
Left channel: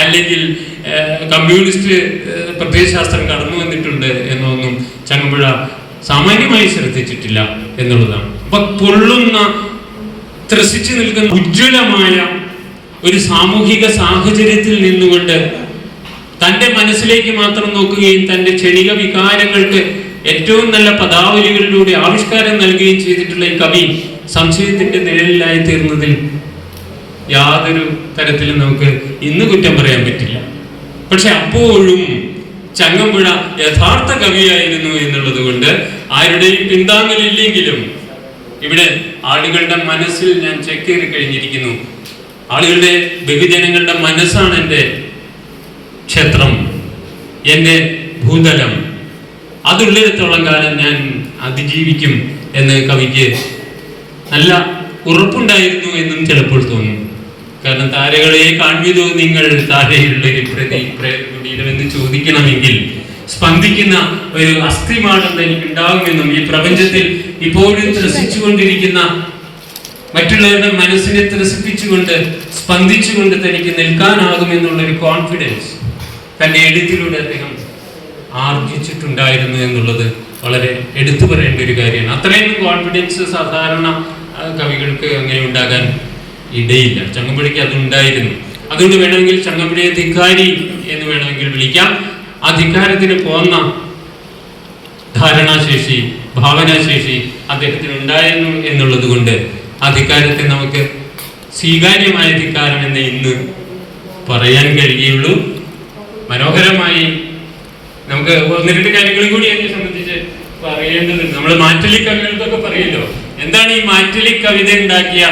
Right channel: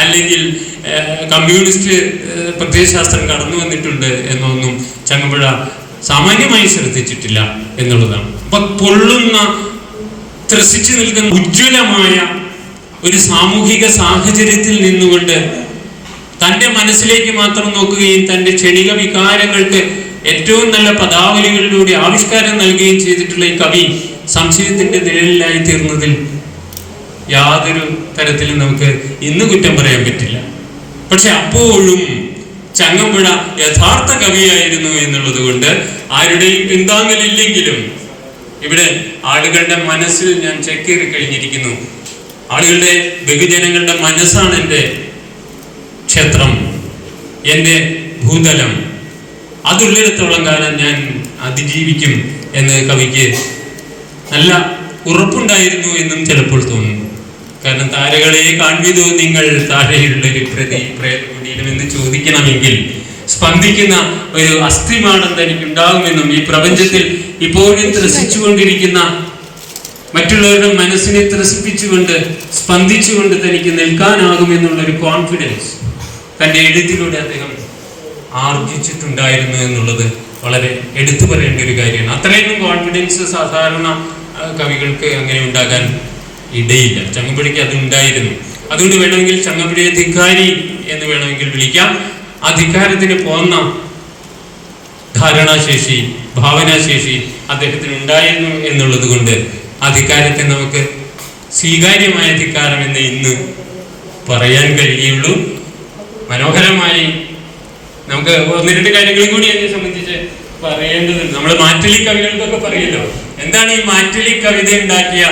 അല്ലെങ്കിൽ കമ്മ്യൂണിസ്റ്റ് പ്രത്യയശാസ്ത്രം കടന്നു വന്നിട്ടുണ്ട് എന്നൊന്നും ചങ്ങമ്പുഴ സാമാന്യമായി ശ്രദ്ധിച്ചിട്ടില്ല എന്നുള്ളതാണ്. അപ്പൊ പൊള്ളുന്ന, ത്രസിച്ചു നിൽക്കുന്ന ഉജ്ജ്വലമായ ഒരു സാമൂഹിക സാഹചര്യത്തിൽ നിന്നുകൊണ്ട് തൻ്റെ മനസ്സിലേക്ക് മാത്രം നോക്കുകയും തൻ്റെ ക്ഷണിക വികാരങ്ങൾക്ക് ഏറ്റവും നല്ല പദാവലികളിലൂടെ ആവിഷ്കാരം നൽകുകയും ചെയ്തിട്ടുള്ള ഈ കവി സംശയത്തിന്റെ നിഴലിലായി തീർന്നതിൽ യാതൊരു തരത്തിലും നമുക്ക് ഇന്ന് കുറ്റം പറയാൻ പറ്റില്ല. പക്ഷെ അപ്പോഴും ചങ്ങമ്പുഴ യഥാർത്ഥ കവിയായിരുന്നു എന്നുള്ളത് കൊണ്ട് ആരുടെയും പിന്താങ്ങലില്ലെങ്കിലും ഇവിടെ ആളുകളുടെ മനസ്സിൽ ഞാൻ ചേക്കേറി കഴിഞ്ഞിരിക്കുന്നു. ആളുകളുടെ, ബഹുജനങ്ങളുടെ മനസ്സാണ് എൻ്റെ ക്ഷേത്രം, എൻ്റെ ഭൂതലം. അതുള്ളിടത്തോളം കാലം ഞാൻ അതിജീവിക്കും എന്ന് കവിക്ക് നല്ല ഉറപ്പുണ്ടായിരുന്നു എന്നും ചിലപ്പോൾ തോന്നുന്നു. കാരണം താരകളെ കാൺവിതോ നിങ്ങൾ താരയുള്ള ഒരു പ്രേതകുടീരമെന്ന് ചോദിക്കണമെങ്കിൽ സ്പന്ദിക്കുന്ന ഒരു അസ്ഥിമാടം തനിക്കുണ്ടാകുമെന്നും ഈ പ്രപഞ്ചത്തിൽ ഇപ്പോഴും ത്രസിച്ചുകൊണ്ടിരിക്കുന്ന മറ്റുള്ളവരുടെ മനസ്സിനെ ത്രസിപ്പിച്ചുകൊണ്ട് സ്പന്ദിച്ചുകൊണ്ട് തനിക്ക് നിൽക്കാനാകുമെന്നുള്ളൊരു കോൺഫിഡൻസ് തൻ്റെ എഴുത്തിലൂടെ അദ്ദേഹം ആർജിച്ചിട്ടുണ്ടായിരുന്നു എന്നുള്ളത് വളരെ എടുത്തു പറയേണ്ട ഒരു കാര്യമാണ്. അത്രയും കോൺഫിഡൻസ് സാധാരണ കവികൾക്ക് അങ്ങനെ ഉണ്ടാകാൻ ഇടയില്ല. ചങ്ങമ്പുഴയ്ക്ക് അത് ഉണ്ടായിരുന്നു. അതുകൊണ്ട് വേണമെങ്കിൽ ചങ്ങമ്പുഴയെ ധിക്കാരി എന്ന് വേണമെങ്കിൽ വിളിക്കാം. ആ ധിക്കാരത്തിന് പോന്ന ധാരണാശേഷി, ഭാവനാശേഷി അദ്ദേഹത്തിന് ഉണ്ടായിരുന്നു എന്നുള്ളത് കൊണ്ട് ആ ധിക്കാരത്തെ നമുക്ക് സ്വീകാര്യമായ ധിക്കാരം എന്ന് ഇന്ന് പറയാൻ കഴിയുള്ളൂ. മനോഹരമായി നമുക്ക് ഒന്ന് രണ്ട് കാര്യങ്ങളും കൂടി അതിനെ സംബന്ധിച്ച് പറയേണ്ടതുണ്ട്. നമ്മൾ മാറ്റലി കവികൾക്കൊക്കെ പറയല്ലോ, എന്താണ് ഈ മാറ്റലി കവിത ഉണ്ടാക്കിയ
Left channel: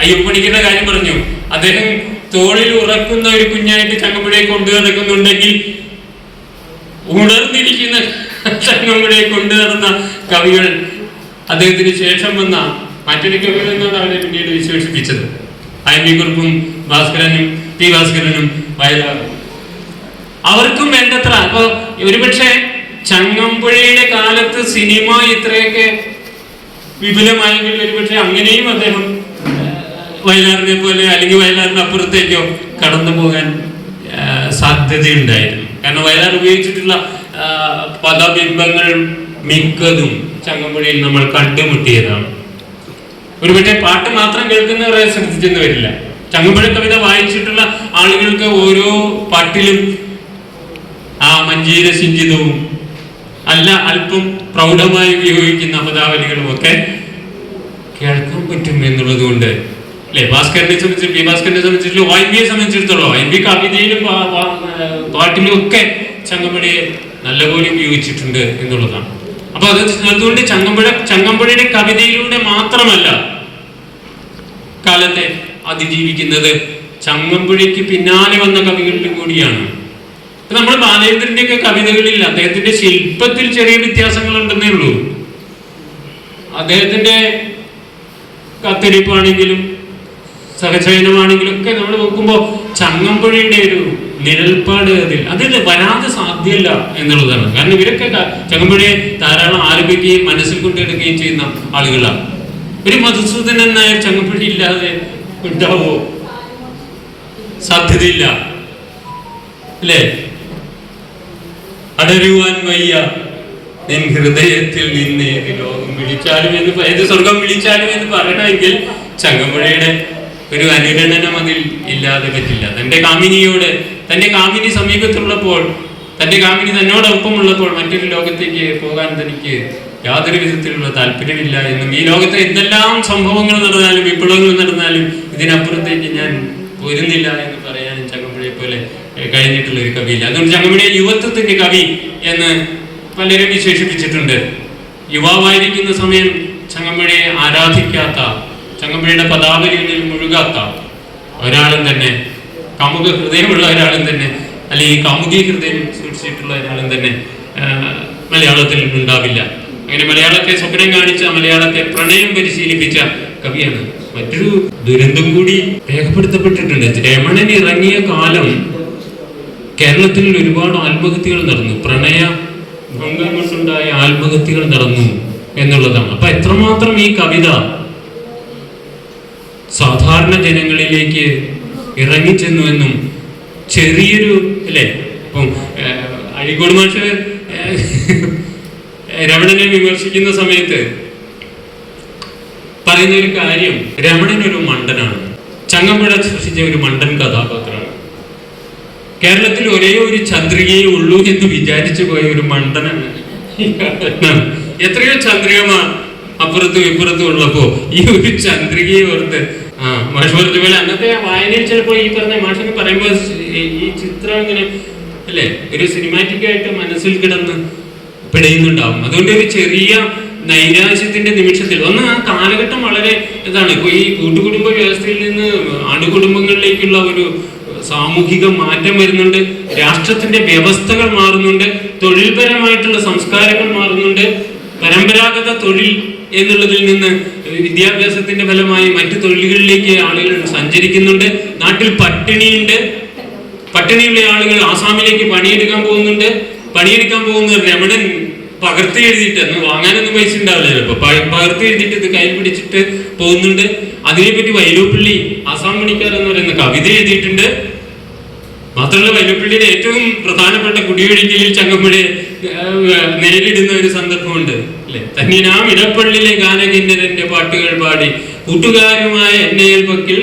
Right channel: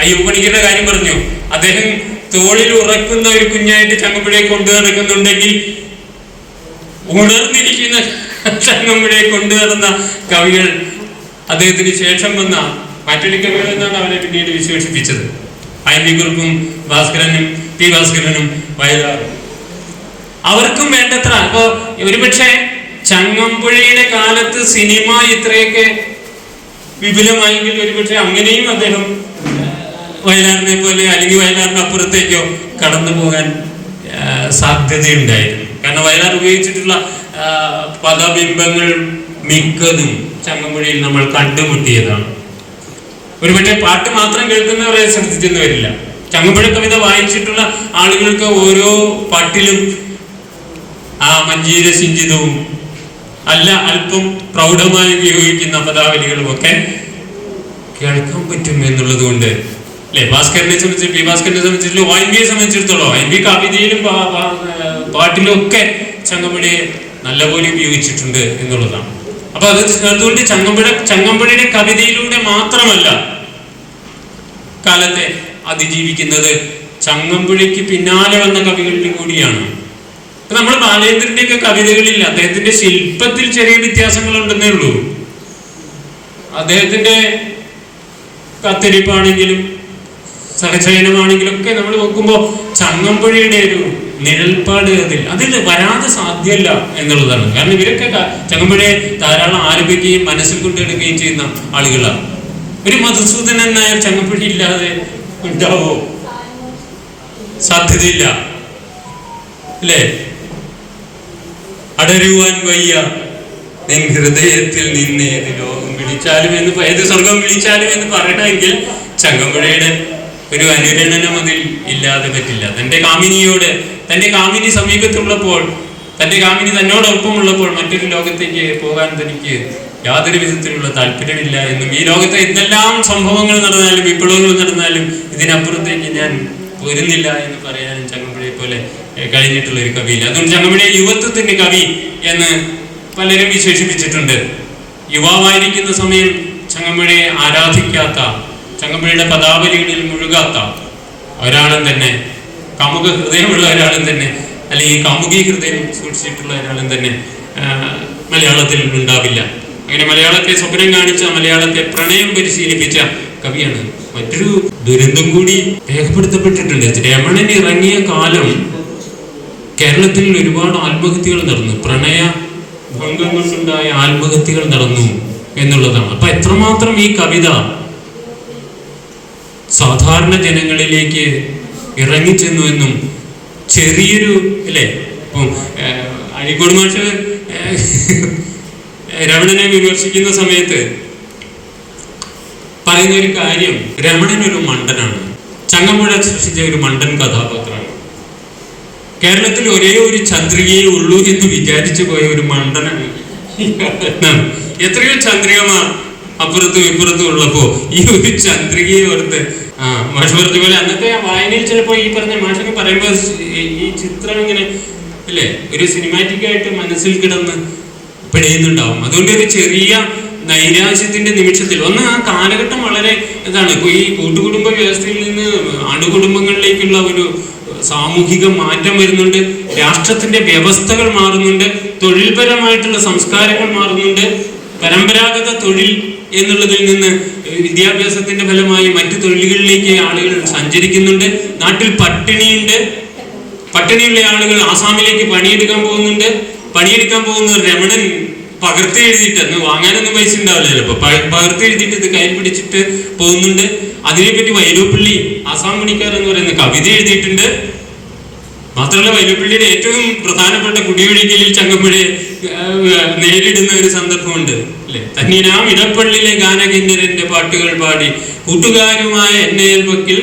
അയ്യപ്പണിക്കുന്ന കാര്യം പറഞ്ഞു. അദ്ദേഹം തോളിൽ ഉറക്കുന്ന ഒരു കുഞ്ഞായിട്ട് ചങ്ങമ്പുഴയെ കൊണ്ടു നടക്കുന്നുണ്ടെങ്കിൽ ഉണർന്നിരിക്കുന്ന ചങ്ങമ്പുഴയെ കൊണ്ടു നടന്ന കവികൾ അദ്ദേഹത്തിന് ശേഷം വന്ന മാറ്റലി കവികൾ എന്നാണ് അവരെ പിന്നീട് വിശേഷിപ്പിച്ചത്. IMV കുറുപ്പും ഭാസ്കരനും P ഭാസ്കരനും വയലാറും അവർക്കും വേണ്ടത്ര. അപ്പോ ഒരുപക്ഷെ ചങ്ങമ്പുഴയുടെ കാലത്ത് സിനിമ ഇത്രയൊക്കെ വിപുലമായെങ്കിൽ ഒരുപക്ഷെ അങ്ങനെയും അദ്ദേഹം വയലാറിനെ പോലെ അല്ലെങ്കിൽ വയലാറിന് അപ്പുറത്തേക്കോ കടന്നു പോകാൻ സാധ്യതയുണ്ടായിരുന്നു. കാരണം വയലാർ ഉപയോഗിച്ചിട്ടുള്ള പദബിംബങ്ങൾ മിക്കതും ചങ്ങമ്പുഴയിൽ നമ്മൾ കണ്ടുമുട്ടിയതാണ്. ഒരുപക്ഷെ പാട്ട് മാത്രം കേൾക്കുന്നവരെ ശ്രദ്ധിച്ചെന്ന് വരില്ല. ചങ്ങമ്പുഴ കവിത വായിച്ചിട്ടുള്ള ആളുകൾക്ക് ഓരോ പാട്ടിലും ആ മഞ്ജീര സിഞ്ചിതവും അല്ല അല്പം പ്രൗഢമായി ഉപയോഗിക്കുന്ന പദാവലികളും ഒക്കെ കേൾക്കാൻ പറ്റും എന്നുള്ളത് കൊണ്ട് അല്ലെ. ഭാസ്കരനെ സംബന്ധിച്ച് P ഭാസ്കരനെ സംബന്ധിച്ചിട്ടുള്ള IMVയെ സംബന്ധിച്ചിടത്തോളം IMV കവിതയിലും പാട്ടിലും ഒക്കെ ചങ്ങമ്പുഴയെ നല്ലപോലെ ഉപയോഗിച്ചിട്ടുണ്ട് എന്നുള്ളതാണ്. അപ്പൊ അതുകൊണ്ട് ചങ്ങമ്പുഴയുടെ കവിതയിലൂടെ മാത്രമല്ല കാലത്തെ അതിജീവിക്കുന്നത്, ചങ്ങമ്പുഴയ്ക്ക് പിന്നാലെ വന്ന കവികളിൽ കൂടിയാണ്. ഇപ്പൊ നമ്മൾ ബാലേന്ദ്രന്റെ ഒക്കെ കവിതകളിൽ അദ്ദേഹത്തിന്റെ ശില്പത്തിൽ ചെറിയ വ്യത്യാസങ്ങൾ ഉണ്ടെന്നേ ഉള്ളൂ. അദ്ദേഹത്തിന്റെ കത്തിരിപ്പാണെങ്കിലും സഹചയനമാണെങ്കിലും ഒക്കെ നമ്മൾ നോക്കുമ്പോൾ ചങ്ങമ്പുഴയുടെ ഒരു നിഴൽപ്പാട് അതിൽ വരാതെ സാധ്യമല്ല എന്നുള്ളതാണ്. കാരണം ഇവരൊക്കെ ചങ്ങമ്പുഴയെ ധാരാളം ആലപിക്കുകയും മനസ്സിൽ കൊണ്ടെടുക്കുകയും ചെയ്യുന്ന ആളുകളാണ്. ഒരു മധുസൂദനൻ നായർ ചങ്ങമ്പുഴ ഇല്ലാതെ ഉണ്ടാവോ? സാധ്യതയില്ല അല്ലേ? അടരുവാൻ വയ്യ നിൻ ഹൃദയത്തിൽ നിന്ന് ഏത് ലോകം വിളിച്ചാലും എന്ന്, ഏത് സ്വർഗം വിളിച്ചാലും എന്ന് പറയണമെങ്കിൽ ചങ്ങമ്പുഴയുടെ ഒരു അനുരണനം അതിൽ ഇല്ലാതെ പറ്റില്ല. തൻ്റെ കാമിനിയോട്, തൻ്റെ കാമിനി സമീപത്തുള്ളപ്പോൾ, തൻ്റെ കാമിനി തന്നോടൊപ്പമുള്ളപ്പോൾ മറ്റൊരു ലോകത്തേക്ക് പോകാൻ തനിക്ക് യാതൊരു വിധത്തിലുള്ള താല്പര്യമില്ല എന്നും, ഈ ലോകത്തെ എന്തെല്ലാം സംഭവങ്ങൾ നടന്നാലും വിപ്ലവങ്ങൾ നടന്നാലും ഇതിനപ്പുറത്തേക്ക് ഞാൻ പോരുന്നില്ല എന്ന് പറയാനും ചങ്ങമ്പുഴയെ പോലെ കഴിഞ്ഞിട്ടുള്ള ഒരു കവിയില്ല. അതുകൊണ്ട് ചങ്ങമ്പുഴയെ യുവത്വത്തിന്റെ കവി എന്ന് പലരും വിശേഷിപ്പിച്ചിട്ടുണ്ട്. യുവാവായിരിക്കുന്ന സമയം ചങ്ങമ്പുഴയെ ആരാധിക്കാത്ത, ചങ്ങമ്പുഴയുടെ പദാവലികളിൽ മുഴുകാത്ത ഒരാളും തന്നെ, കാമുക ഹൃദയമുള്ള ഒരാളും തന്നെ, അല്ലെങ്കിൽ കാമുകി ഹൃദയം സൂക്ഷിച്ചിട്ടുള്ള ഒരാളും തന്നെ മലയാളത്തിൽ ഉണ്ടാവില്ല. അങ്ങനെ മലയാളത്തെ സ്വപ്നം കാണിച്ച, മലയാളത്തെ പ്രണയം പരിശീലിപ്പിച്ച കവിയാണ്. മറ്റൊരു ദുരന്തം കൂടി രേഖപ്പെടുത്തപ്പെട്ടിട്ടുണ്ട്. രമണൻ ഇറങ്ങിയ കാലം കേരളത്തിൽ ഒരുപാട് ആത്മഹത്യകൾ നടന്നു, പ്രണയ ഭംഗം കൊണ്ടുണ്ടായ ആത്മഹത്യകൾ നടന്നു എന്നുള്ളതാണ്. അപ്പൊ എത്രമാത്രം ഈ കവിത സാധാരണ ജനങ്ങളിലേക്ക് ഇറങ്ങിച്ചെന്നു എന്നും ചെറിയൊരു അല്ലേ, ഇപ്പം അഴീക്കോട് മാഷ് രമണനെ വിമർശിക്കുന്ന സമയത്ത് പറയുന്ന ഒരു കാര്യം, രമണൻ ഒരു മണ്ടനാണ്, ചങ്ങമ്പുഴ സൃഷ്ടിച്ച ഒരു മണ്ടൻ കഥാപാത്രമാണ്, കേരളത്തിൽ ഒരേ ഒരു ചന്ദ്രികയെ ഉള്ളൂ എന്ന് വിചാരിച്ചു പോയ ഒരു മണ്ടനാണ്. എത്രയോ ചന്ദ്രികമാർ അപ്പുറത്തും ഇപ്പുറത്തും ഉള്ളപ്പോ ഈ ഒരു ചന്ദ്രികയെ ഓർത്ത് മാഷ് പറഞ്ഞ പോലെ അന്നത്തെ വായനയിൽ ചിലപ്പോ ഈ പറഞ്ഞ മാഷൊക്കെ പറയുമ്പോ ഈ ചിത്രം ഇങ്ങനെ അല്ലേ ഒരു സിനിമാറ്റിക് ആയിട്ട് മനസ്സിൽ കിടന്ന് പിടയുന്നുണ്ടാവും. അതുകൊണ്ട് ഒരു ചെറിയ നൈരാശ്യത്തിന്റെ നിമിഷത്തിൽ ആ കാലഘട്ടം വളരെ ഇതാണ്. ഇപ്പൊ ഈ കൂട്ടുകുടുംബ വ്യവസ്ഥയിൽ നിന്ന് അണുകുടുംബങ്ങളിലേക്കുള്ള ഒരു സാമൂഹിക മാറ്റം വരുന്നുണ്ട്, രാഷ്ട്രത്തിന്റെ വ്യവസ്ഥകൾ മാറുന്നുണ്ട്, തൊഴിൽപരമായിട്ടുള്ള സംസ്കാരങ്ങൾ മാറുന്നുണ്ട്, പരമ്പരാഗത തൊഴിൽ എന്നുള്ളതിൽ നിന്ന് വിദ്യാഭ്യാസത്തിന്റെ ഫലമായി മറ്റു തൊഴിലുകളിലേക്ക് ആളുകൾ സഞ്ചരിക്കുന്നുണ്ട്, നാട്ടിൽ പട്ടിണിയുണ്ട്, പട്ടിണിയുള്ള ആളുകൾ ആസാമിലേക്ക് പണിയെടുക്കാൻ പോകുന്നുണ്ട്. പണിയെടുക്കാൻ പോകുന്ന രമണൻ പകർത്തി എഴുതിയിട്ട് അന്ന് വാങ്ങാനൊന്നും പൈസ ഉണ്ടാവില്ല ചിലപ്പോ, പകർത്തി എഴുതിയിട്ട് ഇത് കയ്യിൽ പിടിച്ചിട്ട് പോകുന്നുണ്ട്. അതിനെപ്പറ്റി വൈലോപ്പിള്ളി ആസാം മണിക്കാർ എന്ന് പറയുന്ന കവിത എഴുതിയിട്ടുണ്ട്. മാത്രമല്ല വൈലോപ്പിള്ളിയുടെ ഏറ്റവും പ്രധാനപ്പെട്ട കുടിയൊഴിക്കലിൽ ചങ്ങമ്പുഴ നേരിടുന്ന ഒരു സന്ദർഭമുണ്ട് അല്ലെ, തന്നിനാം ഇടപ്പള്ളിയിലെ ഗാനകിന്നരന്റെ പാട്ടുകൾ പാടി കൂട്ടുകാരുമായ എന്നയൽ പക്കിൽ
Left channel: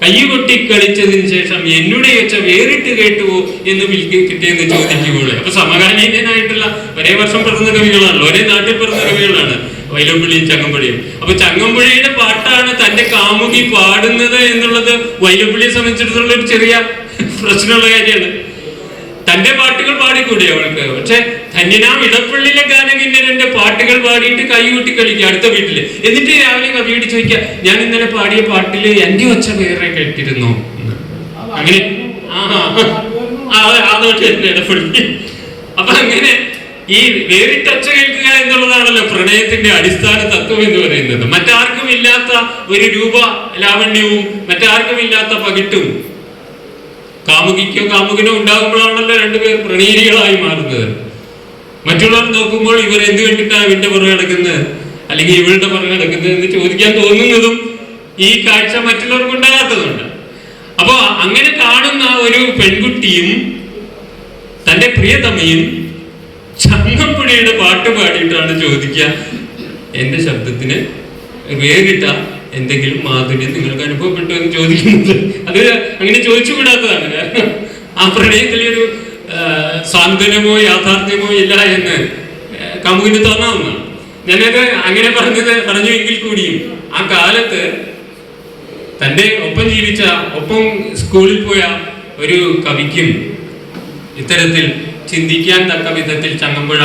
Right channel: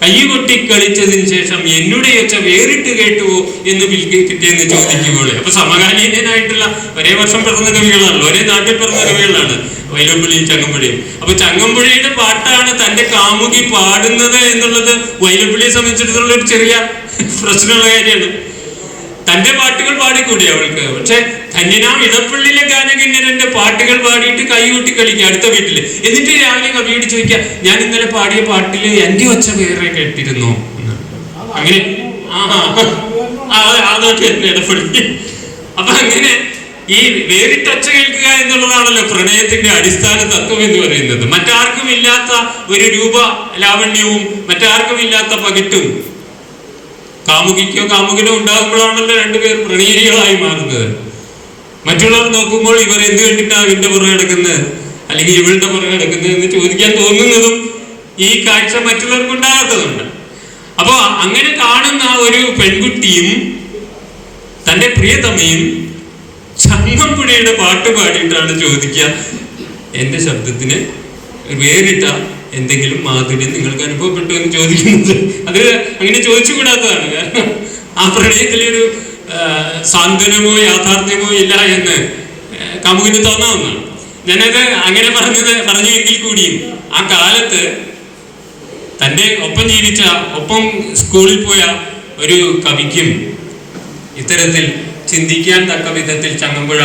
കൈകൊട്ടി കളിച്ചതിന് ശേഷം എന്നുടെ ഒച്ച വേറിട്ട് കേട്ടുവോ എന്ന് കിട്ടിയെന്ന് ചോദിക്കുമ്പോൾ, അപ്പൊ സമകാലീനായിട്ടുള്ള ഒരേ വർഷം പിറന്ന കവികളാണല്ലോ, ഒരേ നാട്ടിൽ പിറന്ന കവികളാണ് വൈലോപ്പിള്ളിയും ചങ്ങമ്പുഴയും. അപ്പൊ ചങ്ങമ്പുഴയുടെ പാട്ടാണ് തന്റെ കാമുകി പാടുന്നത് എന്നുള്ളത് വൈലോപ്പിള്ളിയെ സംബന്ധിച്ചിടത്തോളം ഒരു ചെറിയ പ്രശ്നമുള്ള കാര്യമാണ്. തന്റെ പാട്ടുകൾ പാടിക്കൂടി അവൾക്ക്, പക്ഷെ ധന്യനാം ഇടപ്പള്ളിയിലെ ഗാനകിന്നരന്റെ പാട്ടുകൾ പാടിയിട്ട് കൈകൂട്ടി കളിക്കുക അടുത്ത വീട്ടില്. എന്നിട്ട് രാവിലെ കവിയോട് ചോദിക്കുക, ഞാൻ ഇന്നലെ പാടിയ പാട്ടില് എന്റെ ഒച്ച വേറെ കേട്ടിരുന്നോ? അങ്ങനെ അതോട്ട് ഇടപ്പള്ളി. അപ്പൊ അങ്ങനെ ഈ വേറിട്ടൊച്ച കേൾക്കുക എന്നുള്ളതാണല്ലോ പ്രണയത്തിന്റെ അടിസ്ഥാന തത്വം എന്ന് പറയുന്നത്. മറ്റാർക്കും ഇല്ലാത്ത ഒരു രൂപ ലാവണ്യവും മറ്റാർക്കും ഇല്ലാത്ത പകിട്ടും കാമുകിക്കോ കാമുകനോ ഉണ്ടാകുമ്പോഴാണല്ലോ രണ്ടുപേർ പ്രണയിനികളായി മാറുന്നത്. മറ്റുള്ളവർ നോക്കുമ്പോൾ ഇവർ എന്ത് വേണ്ടിയിട്ടാണ് ഇവന്റെ പുറകെ കിടക്കുന്നത് അല്ലെങ്കിൽ ഇവളുടെ പുറകെ കിടക്കുന്നത് എന്ന് ചോദിക്കാൻ തോന്നുന്നതും ഈ കാഴ്ച മറ്റുള്ളവർക്ക് ഉണ്ടാകാത്തതുണ്ട്. അപ്പൊ അങ്ങനെ കാണുന്ന ഒരു പെൺകുട്ടിയും തന്റെ പ്രിയതമയും ചങ്ങമ്പുഴയുടെ പാട്ട് പാടിയിട്ടാണ് ചോദിക്കുക, എന്റെ ശബ്ദത്തിന് വേറിട്ട എന്തെങ്കിലും മാധുര്യം നിങ്ങൾക്ക് അനുഭവപ്പെട്ടു എന്ന് ചോദിക്കുന്നത്. അത് അങ്ങനെ ചോദിച്ചുകൂടാത്തതാണ്. കാരണം ആ പ്രണയത്തിലൊരു സാന്ത്വനമോ യാഥാർത്ഥ്യമോ ഇല്ല എന്ന് കാമുകിന് തോന്നാവുന്നതാണ്. ഞാനത് അങ്ങനെ പറഞ്ഞുവെങ്കിൽ കൂടിയും ആ കാലത്ത് തൻ്റെ ഒപ്പം ജീവിച്ച ഒപ്പം സ്കൂളിൽ പോയ ഒരു കവിക്കും ഇത്തരത്തിൽ ചിന്തിക്കാൻ തക്ക വിധത്തിൽ ചങ്ങമ്പുഴ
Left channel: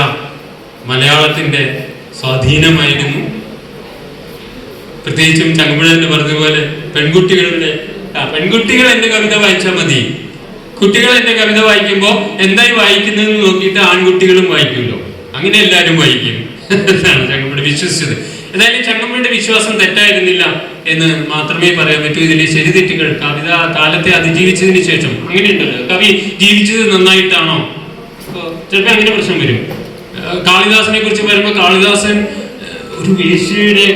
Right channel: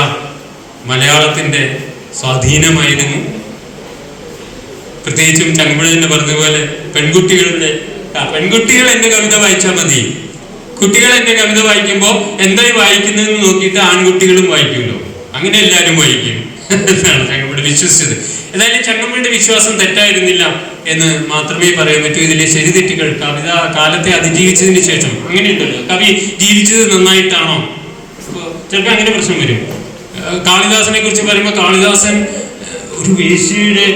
മലയാളത്തിൻ്റെ സ്വാധീനമായിരുന്നു. പ്രത്യേകിച്ചും ചങ്ങമ്പുഴ എന്ന് പറഞ്ഞതുപോലെ പെൺകുട്ടികൾ എന്റെ കവിത വായിച്ചാൽ മതി, കുട്ടികൾ എന്റെ കവിത വായിക്കുമ്പോൾ എന്തായി വായിക്കുന്നതെന്ന് നോക്കിയിട്ട് ആൺകുട്ടികളും വായിക്കുമല്ലോ, അങ്ങനെ എല്ലാവരും വായിക്കും എന്നാണ് ചങ്ങമ്പുഴ വിശ്വസിച്ചത്. ഏതായാലും ചങ്ങമ്പുഴയുടെ വിശ്വാസം തെറ്റായിരുന്നില്ല എന്ന് മാത്രമേ പറയാൻ പറ്റൂ. ഇതിലെ ശരിതെറ്റുകൾ കവിത കാലത്തെ അതിജീവിച്ചതിന് ശേഷം അങ്ങനെയുണ്ടല്ലോ, കവി ജീവിച്ചത് നന്നായിട്ടാണോ, ചിലപ്പോൾ അങ്ങനെ പ്രശ്നം വരും. കാളിദാസനെ കുറിച്ച് പറയുമ്പോൾ കാളിദാസൻ ഒരു വേശ്യയുടെ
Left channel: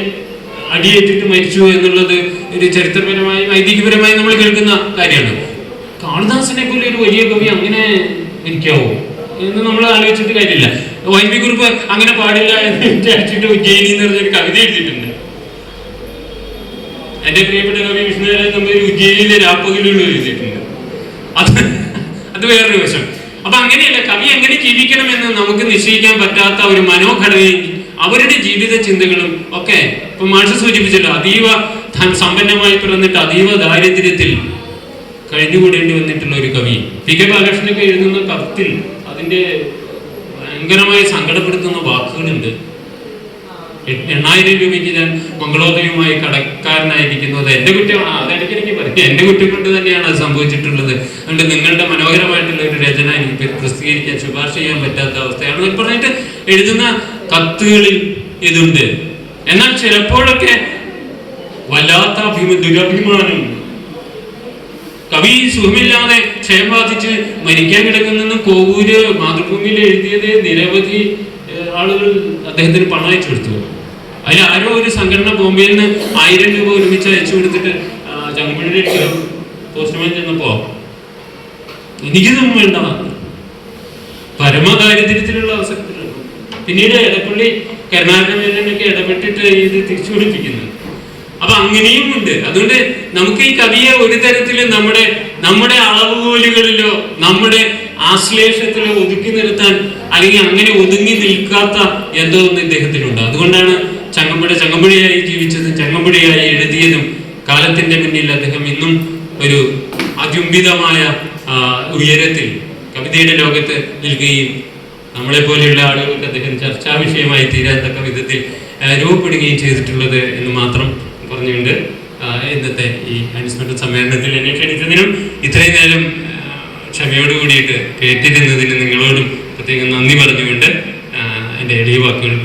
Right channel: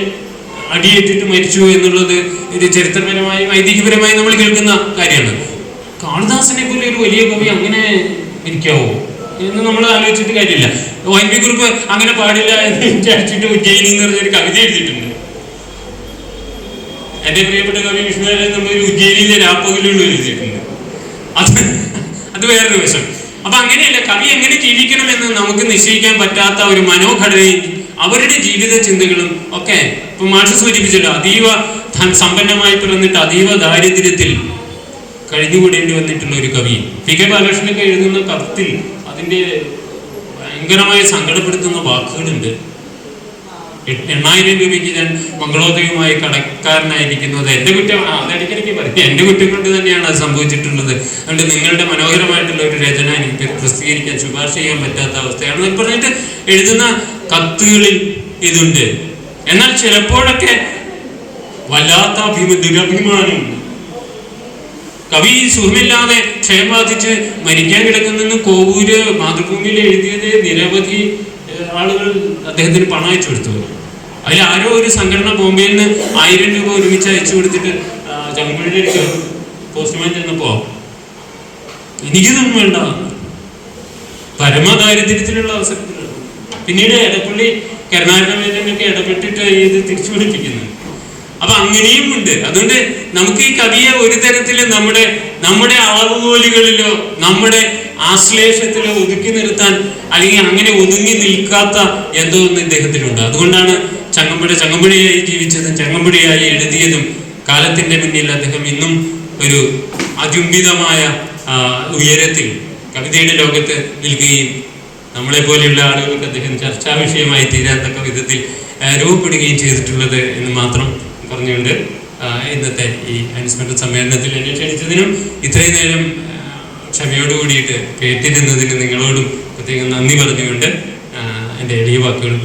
അടിയേറ്റിട്ട് മരിച്ചു എന്നുള്ളത് ഇത് ചരിത്രപരമായി ഐതിഹ്യപരമായി നമ്മൾ കേൾക്കുന്ന കാര്യമാണ്. കാളിദാസനെ പോലെ ഒരു വലിയ കവി അങ്ങനെ മരിക്കാവോ എന്ന് നമ്മൾ ആലോചിച്ചിട്ട് കാര്യമില്ല. വൈദ്യ കുറിപ്പ് അങ്ങനെ പാടില്ല എന്ന് വിചാരിച്ചിട്ട് ഉജ്ജയിനി എന്ന് പറഞ്ഞൊരു കവിത എഴുതിയിട്ടുണ്ട്. എന്റെ പ്രിയപ്പെട്ട കവി വിഷ്ണുനാരായണൻ നമ്പൂതിരി ഉജ്ജയിനിയിലെ രാപ്പകലുകൾ എഴുതിയിട്ടുണ്ട്. അത് വേറൊരു വശം. അപ്പൊ അങ്ങനെയല്ല, കവി എങ്ങനെ ജീവിക്കണമെന്ന് നമുക്ക് നിശ്ചയിക്കാൻ പറ്റാത്ത ഒരു മനോഘടനയും അവരുടെ ജീവിത ചിന്തകളും ഒക്കെ ഇപ്പൊ മാഷ് സൂചിപ്പിച്ചല്ലോ, അതീവ സമ്പന്നമായി പിറന്നിട്ട് അതീവ ദാരിദ്ര്യത്തിൽ കഴിഞ്ഞുകൂടേണ്ടി വന്നിട്ടുള്ള ഒരു കവി. പി കെ ബാലകൃഷ്ണനൊക്കെ എഴുതുന്ന കത്തിൽ അതിന്റെ ഭയങ്കരമായി സങ്കടപ്പെടുത്തുന്ന വാക്കുകളുണ്ട്. 8,000 രൂപയ്ക്ക് ഞാൻ മംഗളോദയമായി കടക്കാരനായിരിക്കുന്നു. അത് എന്റെ കുറ്റം, അതിടയ്ക്കിടയ്ക്ക് പറയും, എന്റെ കുറ്റം കൊണ്ട് തന്നെയാണ് അത് സംഭവിച്ചിട്ടുള്ളത്. അതുകൊണ്ട് നിങ്ങളുടെ മനോഹരമായിട്ടുള്ള ഒരു രചന എനിക്ക് പ്രസിദ്ധീകരിക്കാൻ ശുപാർശ ചെയ്യാൻ പറ്റാത്ത അവസ്ഥയാണ് പറഞ്ഞിട്ട് എഴുതുന്ന കത്തുകളിൽ ഇതുണ്ട്. എന്നാൽ ചിലപ്പോഴൊക്കെ വല്ലാത്ത ദുരഭിമാനം, കവി സുഖമില്ലാതെ ക്ഷയം ബാധിച്ച് മരിക്കാൻ കിടക്കുന്നെന്ന് കോവൂര് മാതൃഭൂമിയിൽ എഴുതിയത് നിരവധി ആളുകൾ അദ്ദേഹത്തിന് പണം അയച്ചു കൊടുത്തു. അതിൽ ആരോ ഒരു സംഘടന ബോംബെയിൽ നിന്ന് 1000 രൂപ ഒരുമിച്ച് അയച്ചു കൊടുത്തിട്ട് ചങ്ങമ്പുഴയുടെ പോസ്റ്റ്മാൻ ചെന്നപ്പോ എനിക്കിതൊന്നും വേണ്ട, പരമദാരിദ്ര്യത്തിലുള്ള അവസരത്തിലാണ്. പിന്നീട് എടപ്പള്ളി കരുണാകരനൊക്കെ ഇടപെട്ടിട്ട് ഇത് തിരിച്ചു പിടിപ്പിക്കുന്നത്. അപ്പൊ അങ്ങനെയും ഉണ്ട്. അതുകൊണ്ട് നമുക്ക് ഈ കവിയെ ഒരു തരത്തിലും നമ്മുടെ അളവുകോലുകളിലോ നമ്മുടെ ആശ്ലേഷത്തിലോ ഒതുക്കി നിർത്താൻ അല്ലെങ്കിൽ അങ്ങനെ ഒതുങ്ങി നിൽക്കാത്ത എന്തോ ഒന്ന് ഇദ്ദേഹത്തിനുണ്ട്. അതുകൊണ്ടാണ് ചങ്ങമ്പുഴയായി ജീവിച്ചതും ചങ്ങമ്പുഴയായി എഴുതിയതും കാലത്തിന്റെ മുന്നിൽ അദ്ദേഹം ഇന്നും ഒരു അചുംബിതമായ ഉയരത്തിൽ കവിതയുടെ ലോകത്ത് നിൽക്കുകയും നമ്മളെ പോലെയുള്ള ആളുകൾക്ക് അദ്ദേഹം ചർച്ചാ വിഷയമായി തീരാത്തക്ക വിധത്തിൽ രൂപപ്പെടുകയും ചെയ്തിട്ടുള്ളത് എന്ന് മാത്രം പറഞ്ഞുകൊണ്ട് ഇന്നത്തെ ഈ അനുസ്മരണ സമ്മേളനത്തിൽ എന്നെ ക്ഷണിച്ചതിനും ഇത്രയും നേരം ക്ഷമയോടുകൂടിയിട്ട് കേട്ടിരുന്നതിന് നിങ്ങളോടും പ്രത്യേകം നന്ദി പറഞ്ഞുകൊണ്ട് എൻ്റെ എളിയ വാക്കുകൾ